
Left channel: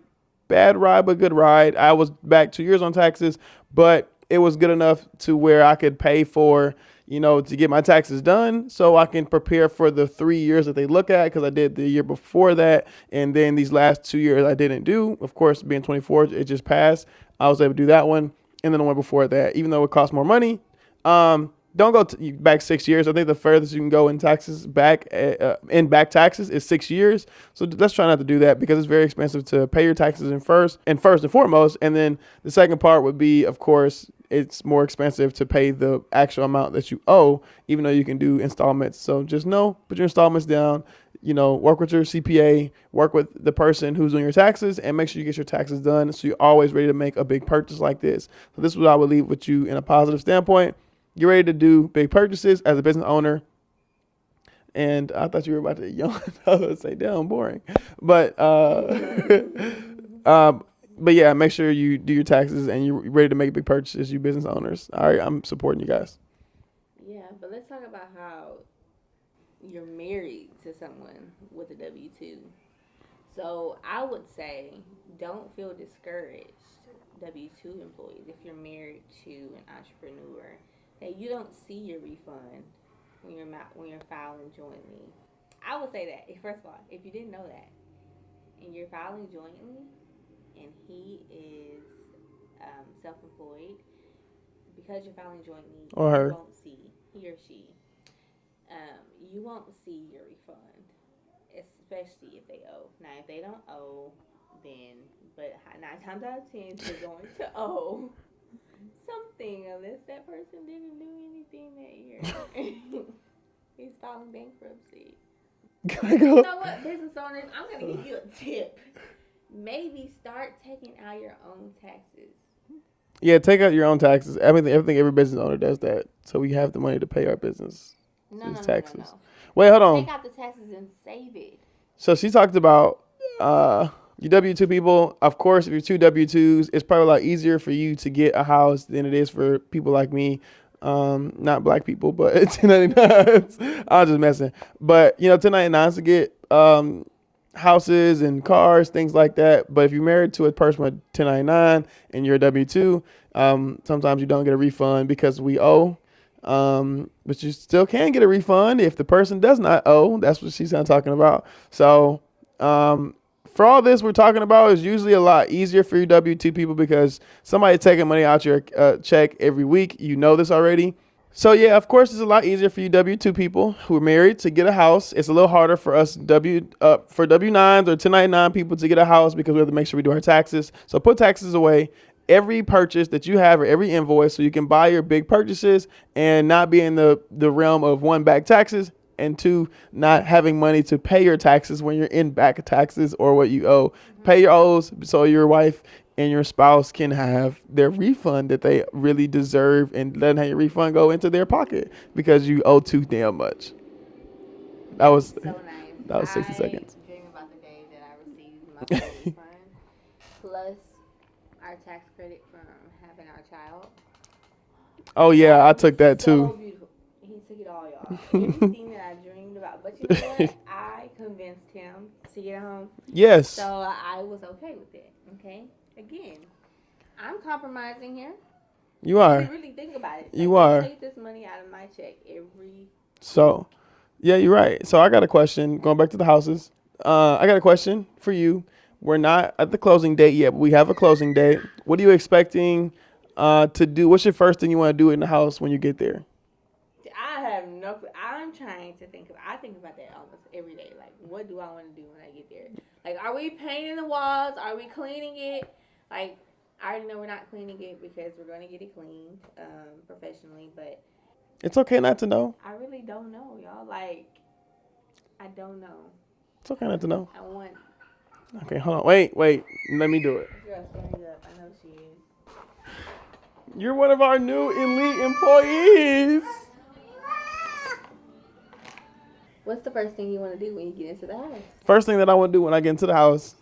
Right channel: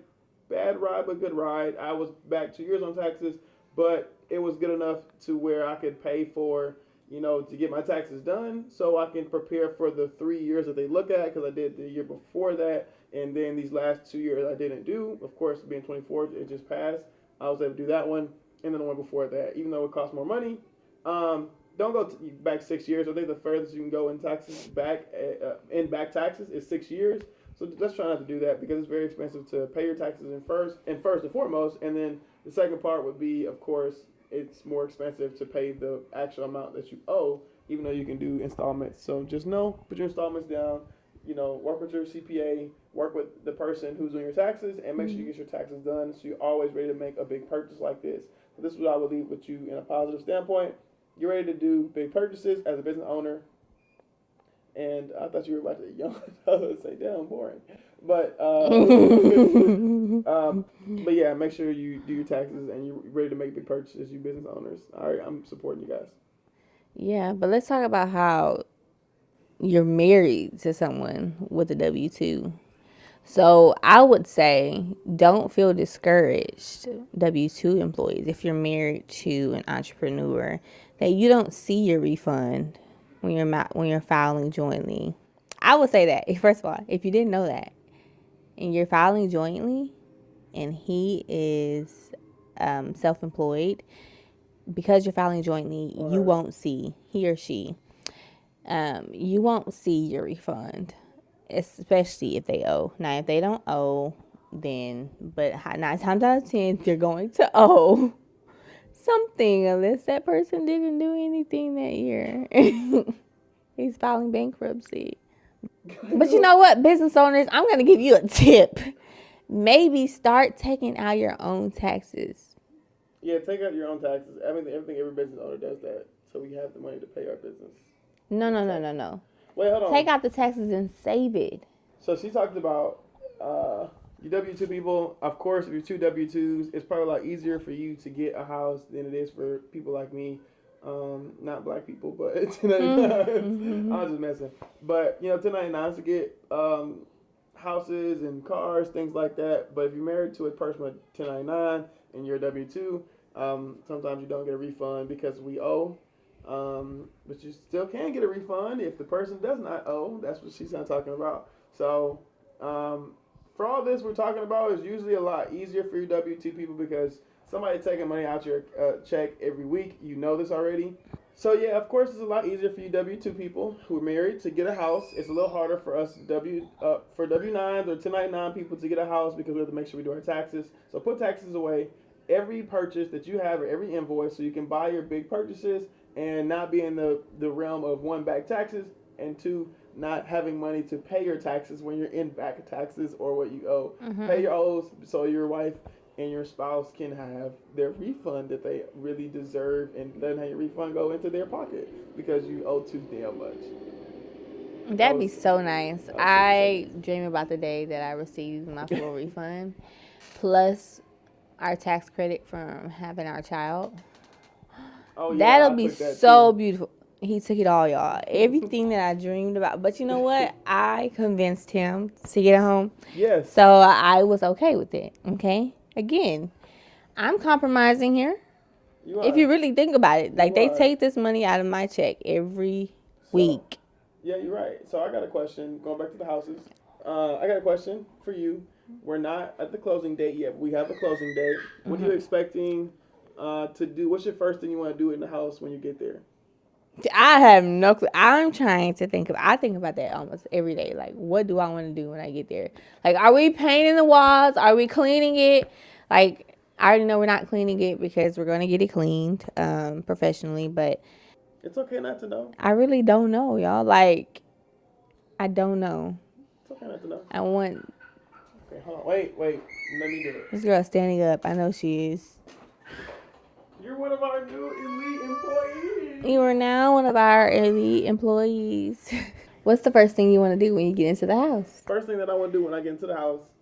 bad ride, but good ride. I was back 2 years on taxes, but it was good enough to where I could pay for, to get my taxes done so I can prepare for the 3 years that they look at, because I did the year before that. And then these last 2 years I didn't do. Of course, being 24, it just passed. I was able to do that one. And then the one before that, even though it costs more money, don't go back 6 years. I think the furthest you can go in taxes back taxes is 6 years. So let's try not to do that, because it's very expensive to pay your taxes first and foremost. And then the second part would be, of course, it's more expensive to pay the actual amount that you owe, even though you can do installments. So just know, put your installments down, work with your CPA, work with the person who's doing your taxes, and make sure you get your taxes done so you're always ready to make a big purchase like this. So this is what I would leave with you in a positive standpoint. Get ready to do big purchases as a business owner. And I thought you were about to yawn. I was going to say, damn, boring. But but yeah, make sure you do your taxes and you're ready to make big purchases, you business owners. All right, I'm supporting you guys. Yeah, but let's talk about how you're married to someone with a W-2. So I would say don't feel discouraged, W-2 employees, if you're married to an entrepreneur, that you don't see your refund when you're filing jointly. I would say that, first of all, if you didn't know that, and you're filing jointly, and he is self-employed, because you're filing jointly, Or you her. won't see, he or she, you won't see your refund, especially if they owe. Now, if they don't owe, then, but 9 times out of 10, you're going to owe something unless that person didn't do anything that year. He's filing bankruptcy. But you know what, business owners, I'm going to give you a tip. Maybe start taking out your own taxes. Yeah, take out your own taxes. I think every business owner does that, so we have the money to pay our business. No. Wait, hold on. Take out the taxes and save it. So she talked about you W-2 people. Of course, if you're two W-2s, it's probably a lot easier for you to get a house than it is for people like me. Not black people, but 1099s. I was just messing. But 1099s to get houses and cars, things like that. But if you're married to a person with 1099 and you're a W-2, sometimes you don't get a refund because we owe. But you still can get a refund if the person does not owe. That's what she's talking about. So, for all this we're talking about is usually a lot easier for you W-2 people because somebody taking money out your check every week. You know this already. So yeah, of course, it's a lot easier for you W-2 people who are married to get a house. It's a little harder for us for W-9s or 1099 people to get a house because we have to make sure we do our taxes. So put taxes away. Every purchase that you have or every invoice so you can buy your big purchases and not be in the realm of one, back taxes, and two, not having money to pay your taxes when you're in back taxes or what you owe. Mm-hmm. Pay your owes so your wife and your spouse can have their refund that they really deserve and let your refund go into their pocket because you owe too damn much. That'd be so nice. I dream about the day that I receive my full refund plus our tax credit from having our child. Oh yeah, I took that too. So beautiful. He took it all, y'all. Everything that I dreamed about. But you know what? I convinced him to get a home. Yes. So I was okay with it. Okay. Again, I'm compromising here. You are. If you really think about it, like they take this money out of my check every week. Yeah, you're right. So I got a question. Going back to the houses, I got a question for you. We're not at the closing date yet, but we have a closing date. What are you expecting to do? What's your first thing you want to do in the house when you get there? I have no clue. I'm trying to I think about that almost every day. Like, what do I want to do when I get there? Like, are we painting the walls? Are we cleaning it? Like, I already know we're not cleaning it because we're going to get it cleaned professionally, but it's okay not to know. I really don't know, y'all. Like, I don't know. It's okay not to know. I want... Okay, hold on. Wait. Let me do it. This girl's standing up. I know she is. You're one of our new elite employees. You are now one of our elite employees. What's the first thing you want to do when you get into the house? First thing that I want to do when I get into the house.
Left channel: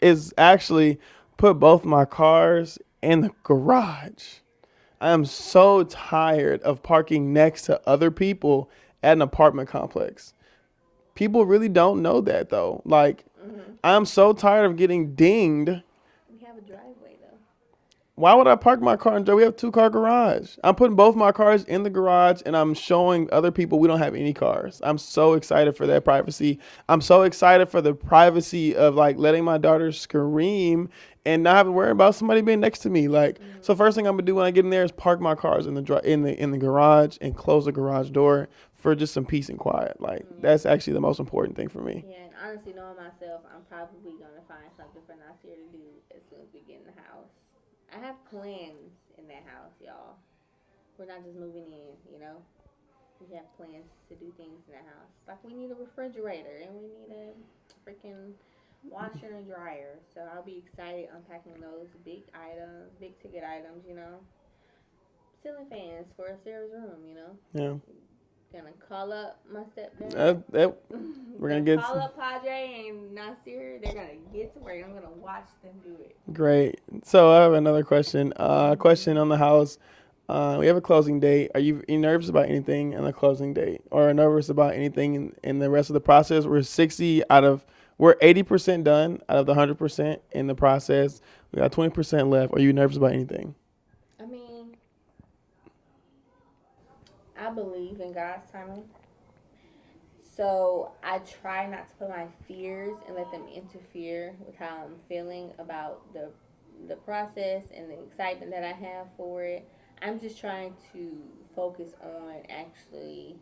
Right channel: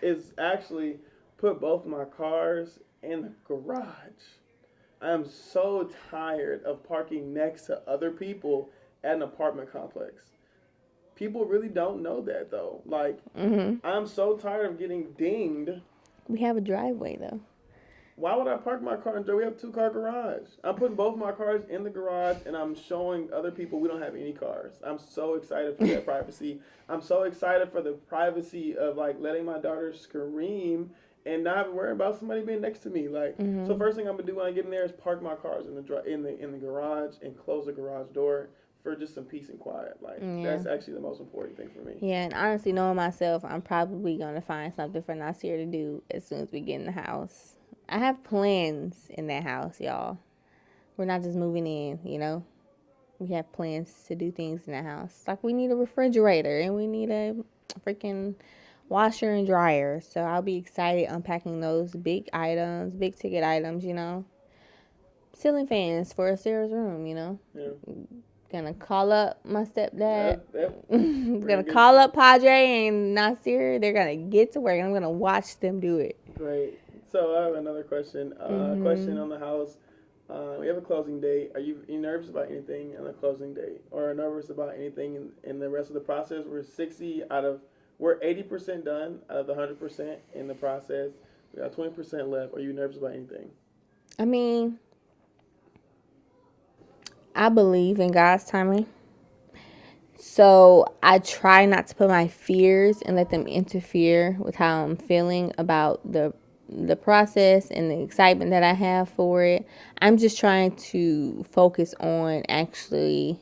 Is actually put both my cars in the garage. I am so tired of parking next to other people at an apartment complex. People really don't know that, though. Like, I'm so tired of getting dinged. We have a driveway, though. Why would I park my car in? We have 2-car garage. I'm putting both my cars in the garage, and I'm showing other people we don't have any cars. I'm so excited for that privacy. I'm so excited for the privacy of, like, letting my daughter scream and not having to worry about somebody being next to me. Like, so first thing I'm gonna do when I get in there is park my cars in the garage and close the garage door. for just some peace and quiet. Like that's actually the most important thing for me. Yeah, and honestly, knowing myself, I'm probably gonna find something for Nasir to do as soon as we get in the house. I have plans in that house, y'all. We're not just moving in, you know. We have plans to do things in that house. Like we need a refrigerator and we need a freaking washer and dryer. So I'll be excited unpacking those big items, big ticket items, you know. Ceiling fans for Sarah's room, you know. Yeah. Gonna call up my stepdad. We're gonna call up Padre and Nasir. They're gonna get to work. I'm gonna watch them do it. Great. So I have another question. Question on the house. We have a closing date. Are you nervous about anything in the closing date, or nervous about anything in the rest of the process? We're 80% done out of the 100% in the process. We got 20% left. Are you nervous about anything? I mean, I believe in God's timing. So I try not to put my fears and let them interfere with how I'm feeling about the process and the excitement that I have for it. I'm just trying to focus on actually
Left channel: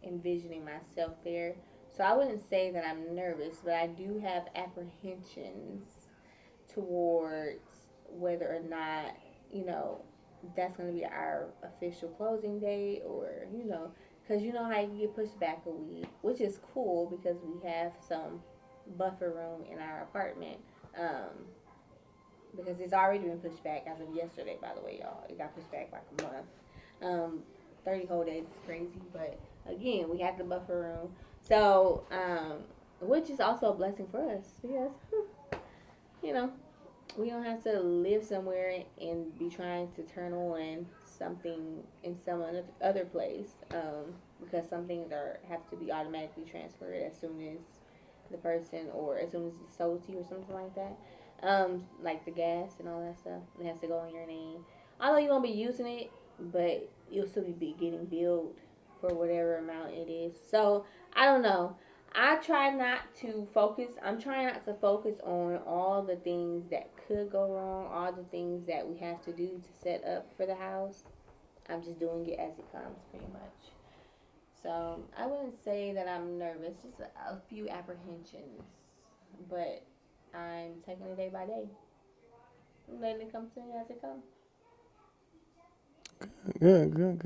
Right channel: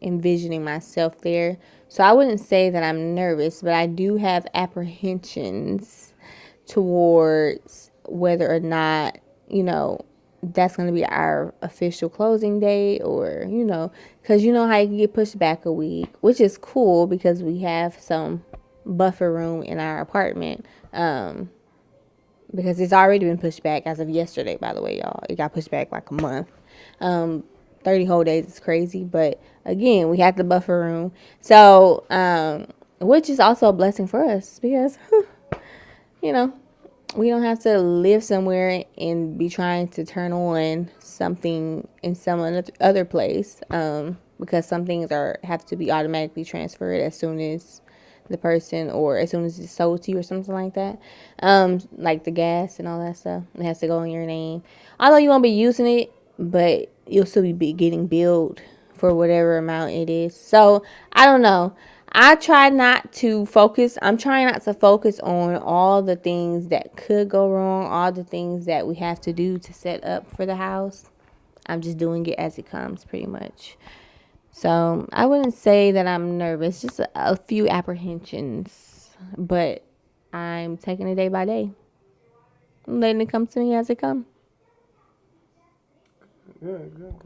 envisioning myself there. So I wouldn't say that I'm nervous, but I do have apprehensions towards whether or not, you know, that's going to be our official closing date, or, you know, because you know how you can get pushed back a week, which is cool because we have some buffer room in our apartment. Because it's already been pushed back as of yesterday, by the way, y'all. It got pushed back like a month. 30 whole days is crazy, but again, we had the buffer room. So, which is also a blessing for us because, you know, we don't have to live somewhere and be trying to turn on something in some other place, because some things have to be automatically transferred as soon as the person, or as soon as it's sold to you or something like that. Like the gas and all that stuff, it has to go in your name. Although you won't be using it, but you'll still be getting billed for whatever amount it is. So I don't know. I'm trying not to focus on all the things that could go wrong, all the things that we have to do to set up for the house. I'm just doing it as it comes, pretty much. So I wouldn't say that I'm nervous, just a few apprehensions, but I'm taking it day by day. I'm letting it come to me as it comes. Good.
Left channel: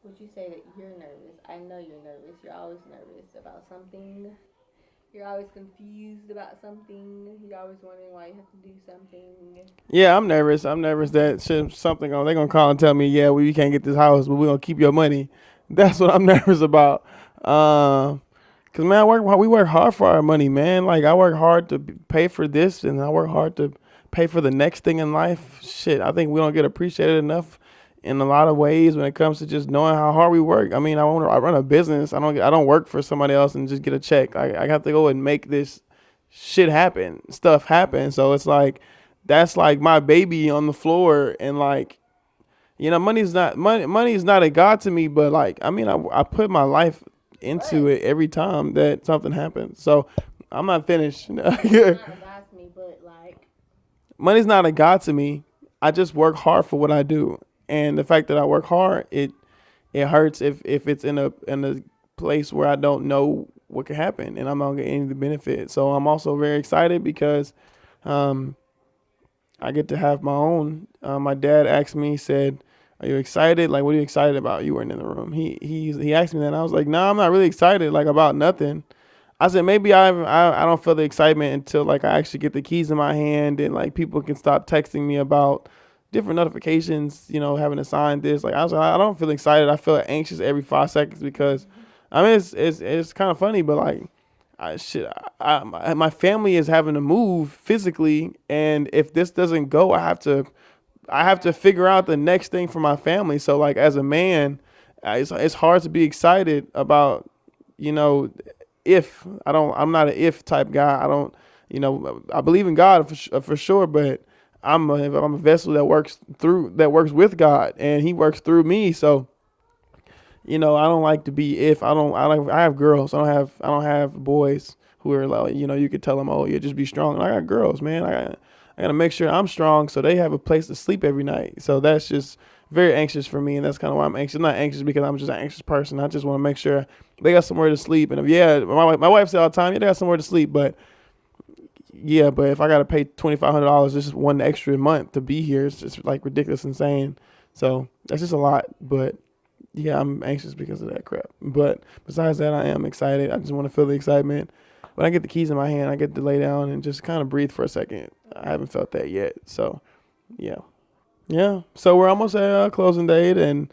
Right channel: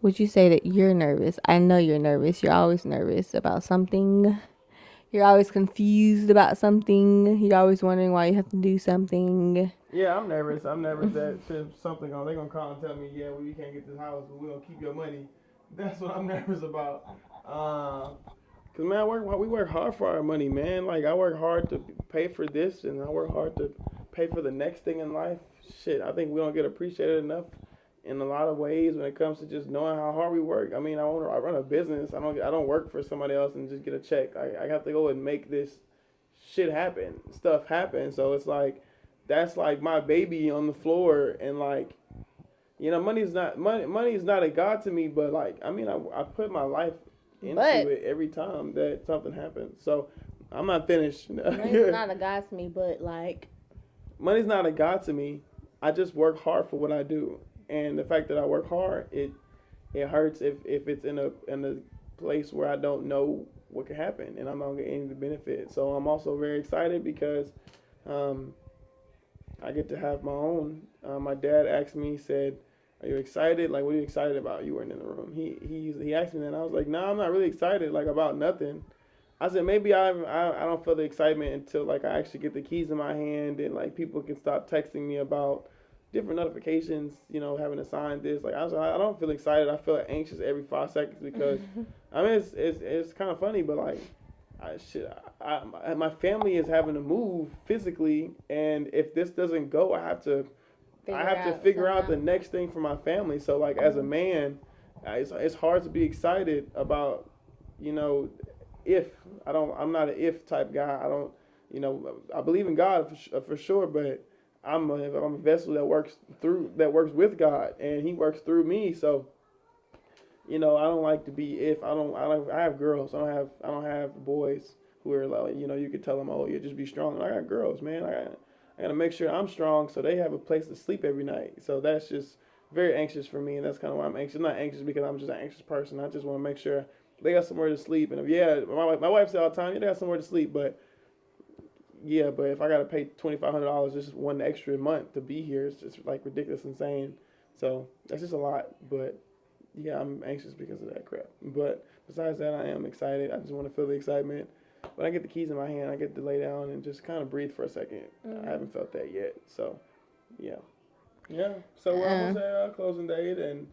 Would you say that you're nervous? I know you're nervous. You're always nervous about something. You're always confused about something. You're always wondering why you have to do something. Yeah, I'm nervous. I'm nervous that they're going to call and tell me, yeah, we can't get this house, but we're going to keep your money. That's what I'm nervous about. Because, man, we work hard for our money, man. Like, I work hard to pay for this, and I work hard to pay for the next thing in life. Shit, I think we don't get appreciated enough in a lot of ways when it comes to just knowing how hard we work. I mean, I run a business. I don't work for somebody else and just get a check. I have to go and make this shit happen, stuff happen. So it's like, that's like my baby on the floor, and like, you know, money is not a god to me, but like, I mean, I put my life into it every time that something happens. So I'm not finished. It's not a god to me, but like, money's not a god to me. I just work hard for what I do. And the fact that I work hard, it hurts if it's in a place where I don't know what could happen and I'm not getting any of the benefit. So I'm also very excited because I get to have my own. My dad asked me, he said, "Are you excited? Like, what are you excited about?" You weren't in the room. He asked me that, and I was like, "No, I'm not really excited. Like, about nothing." I said, maybe I don't feel the excitement until like I actually get the keys in my hand and like people can stop texting me about different notifications, you know, having to sign this. Like, I was like, I don't feel excited. I feel anxious every 5 seconds because, I mean, it's kind of funny, but like, my family is having to move physically, and if this doesn't go, I have to figure out the next thing for my family. So like, as a man, it's hard to be excited about, you know, I'm not an if type guy. I don't, you know, I believe in God for sure, but I'm a vessel that works with God, and He works through me. So, you know, I don't like to be I have girls. I don't have boys who are like, you know, you could tell them, oh, yeah, just be strong. And I got girls, man. I got to make sure I'm strong so they have a place to sleep every night. So that's just very anxious for me, and that's kind of why I'm anxious. I'm not anxious because I'm just an anxious person. I just want to make sure they got somewhere to sleep. And if, my wife said all the time, yeah, they got somewhere to sleep, but if I got to pay $2,500 just one extra month to be here, it's just like ridiculous, insane. So that's just a lot, but yeah, I'm anxious because of that crap. But besides that, I am excited. I just want to feel the excitement. When I get the keys in my hand, I get to lay down and just kind of breathe for a second. I haven't felt that yet. So, yeah. Yeah. So we're almost at our closing date, and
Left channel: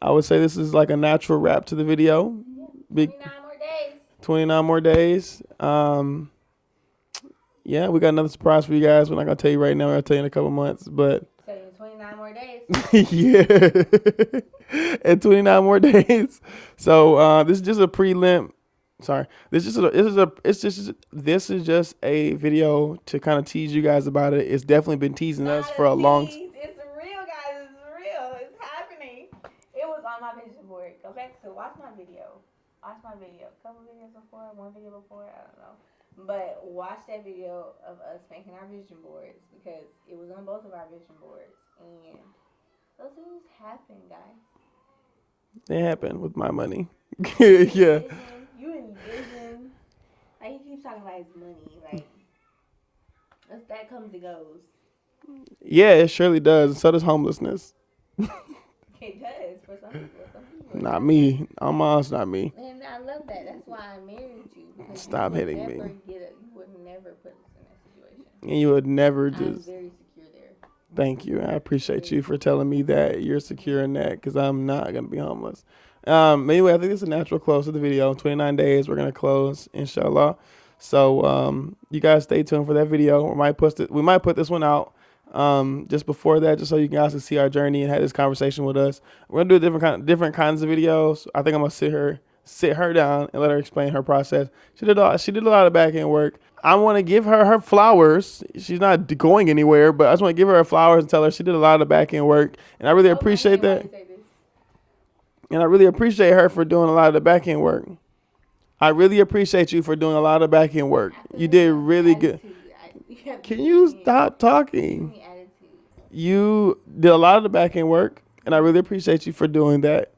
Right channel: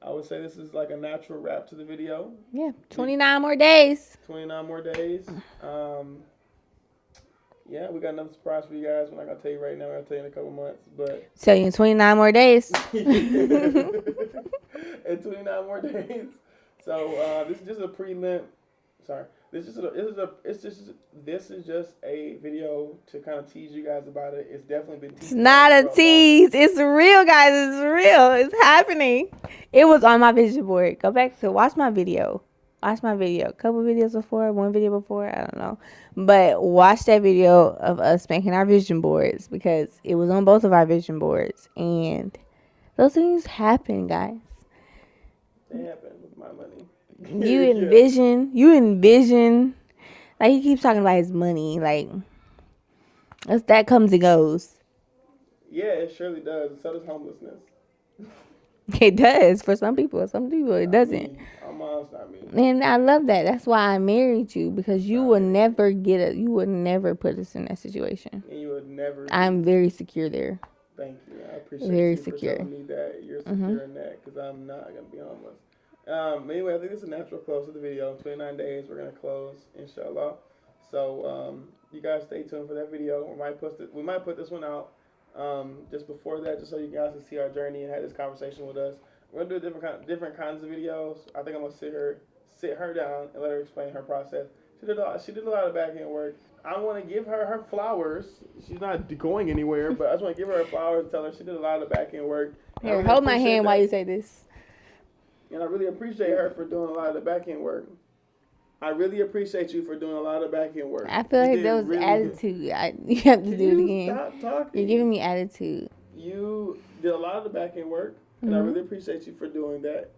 I would say this is like a natural wrap to the video. Yeah. 29 more days. 29 more days. Yeah, we got another surprise for you guys. We're not going to tell you right now. I'll tell you in a couple months. But tell you in 29 more days. Yeah. In 29 more days. So this is just a prelim. Sorry. This is just a video to kind of tease you guys about it. It's definitely been teasing us for a tease. Long... It's real, guys. It's real. It's happening. It was on my vision board. Go back to watch my video. Watch my video. A couple videos before, one video before, I don't know. But watch that video of us making our vision boards because it was on both of our vision boards. And those things happen, guys. They happen with my money. You envision. Like, he keeps talking about his money. Like, that comes and goes. Yeah, it surely does. So does homelessness. It does for some people. Some people it doesn't. Not me. Almost not me. And I love that. That's why I married you because you would never you would never put us in that situation. And you would never. I'm very secure there. Thank you. I appreciate you for telling me that you're secure in that because I'm not gonna be homeless. Anyway, I think this is a natural close to the video. 29 days, we're gonna close, inshallah. So you guys stay tuned for that video. We might put this one out. Just before that, just so you guys can see our journey and have this conversation with us. We're gonna do different kinds of videos. I think I'm gonna sit her down and let her explain her process. She did a lot of back end work. I want to give her flowers. She's not going anywhere, but I just want to give her her flowers and tell her she did a lot of the back end work. And I really appreciate that. While you say this. And I really appreciate her for doing a lot of the back end work. I really appreciate you for doing a lot of back end work. I feel you did really good. Can you stop talking? You're giving me attitude. You did a lot of the back end work, and I really appreciate you for doing that.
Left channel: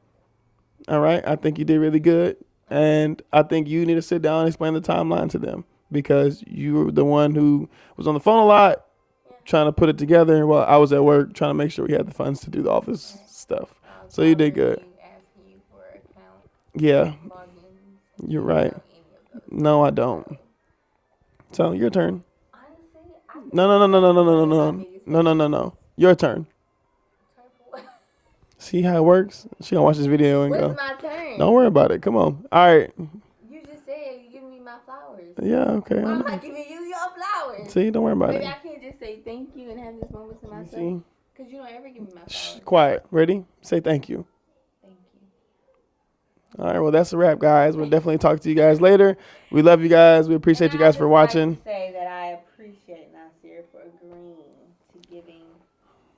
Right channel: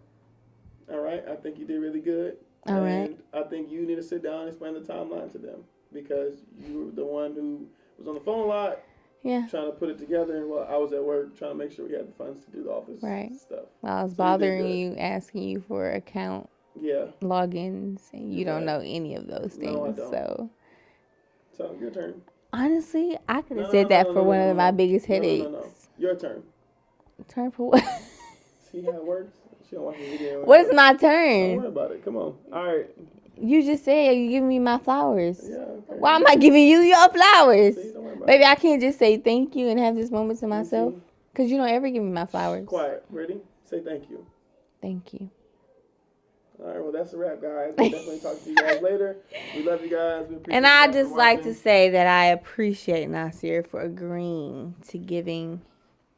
All right? I think you did really good. And I think you need to sit down and explain the timeline to them because you were the one who was on the phone a lot. Yeah. Trying to put it together while I was at work trying to make sure we had the funds to do all this stuff. I was bothering you, asking you for account logins, and you don't know any of those things. No, I don't. So your turn. Honestly, I could say that for one of my biggest headaches. No. Your turn. Turn for what? See how it works? She gonna watch this video. What's my turn? Don't worry about it. Come on. All right. You just said you giving me my flowers. Yeah, okay. Why am I giving you your flowers? See, don't worry about it. Baby, I can't just say thank you and have this moment to myself. Because you don't ever give me my flowers. Quiet. Ready? Say thank you. Thank you. All right, well, that's a wrap, guys. We'll definitely talk to you guys later. We love you guys. We appreciate you guys for watching. And I'd just like to say that I appreciate Nasir for agreeing to giving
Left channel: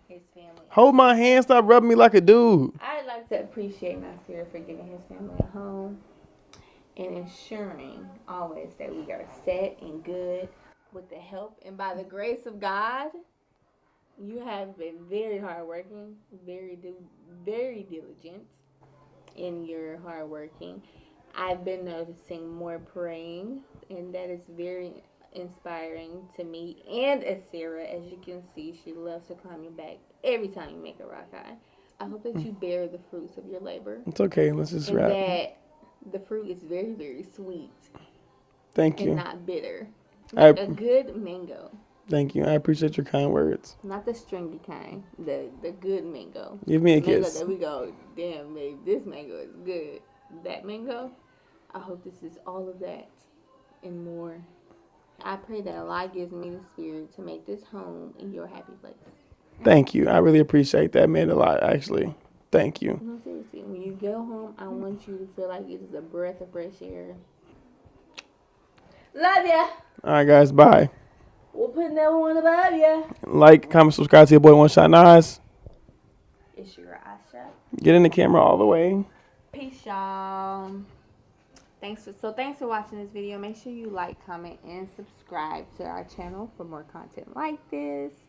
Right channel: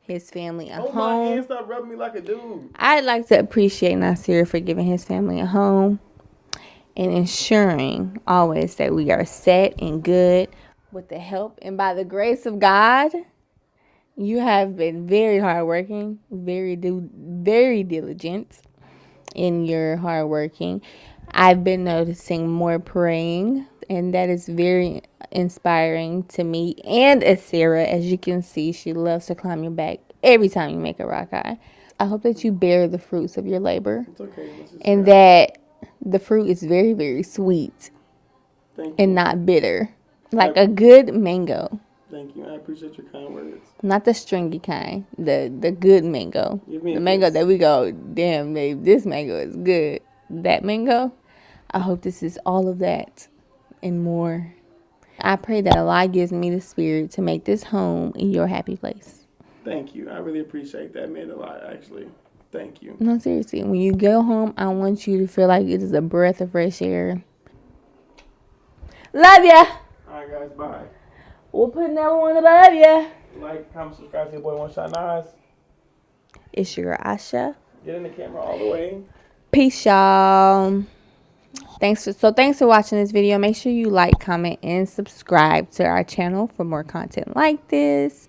his family a home. Hold my hand. Stop rubbing me like a dude. I'd like to appreciate Nasir for giving his family a home and ensuring always that we are set and good with the help and by the grace of God. You have been very hardworking, very diligent in your hardworking. I've been noticing more praying, and that is very inspiring to me and Sarah. As you can see, she loves to climb your back every time you make a rock eye. I hope that you bear the fruits of your labor. It's okay. Let's just and that the fruit is very, very sweet. Thank you. And not bitter. Like a good mango. Thank you. I appreciate your kind words. Not the stringy kind. The good mango. Give me the a mango kiss. that we go, damn, babe, this mango is good. That mango, I hope this is all of that and more. I pray that Allah gives me the spirit to make this home in your happy place. Thank you. I really appreciate that. It meant a lot, actually. Thank you. No, seriously. When you go home, I want you to feel like it is a breath of fresh air. Love ya. All right, guys. Bye. We'll put another one above ya. Like, comment, subscribe to your boy One Shot Nas. It's your girl Asha. Get in the camera all the way. Peace, y'all. Thanks for watching this video. Make sure you like, comment, and subscribe to our channel for more content like this.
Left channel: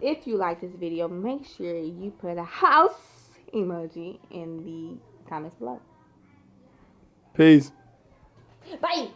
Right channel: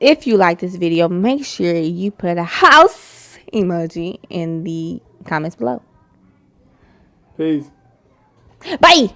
if you like this video, make sure you put a house emoji in the comments below. Peace. Bye.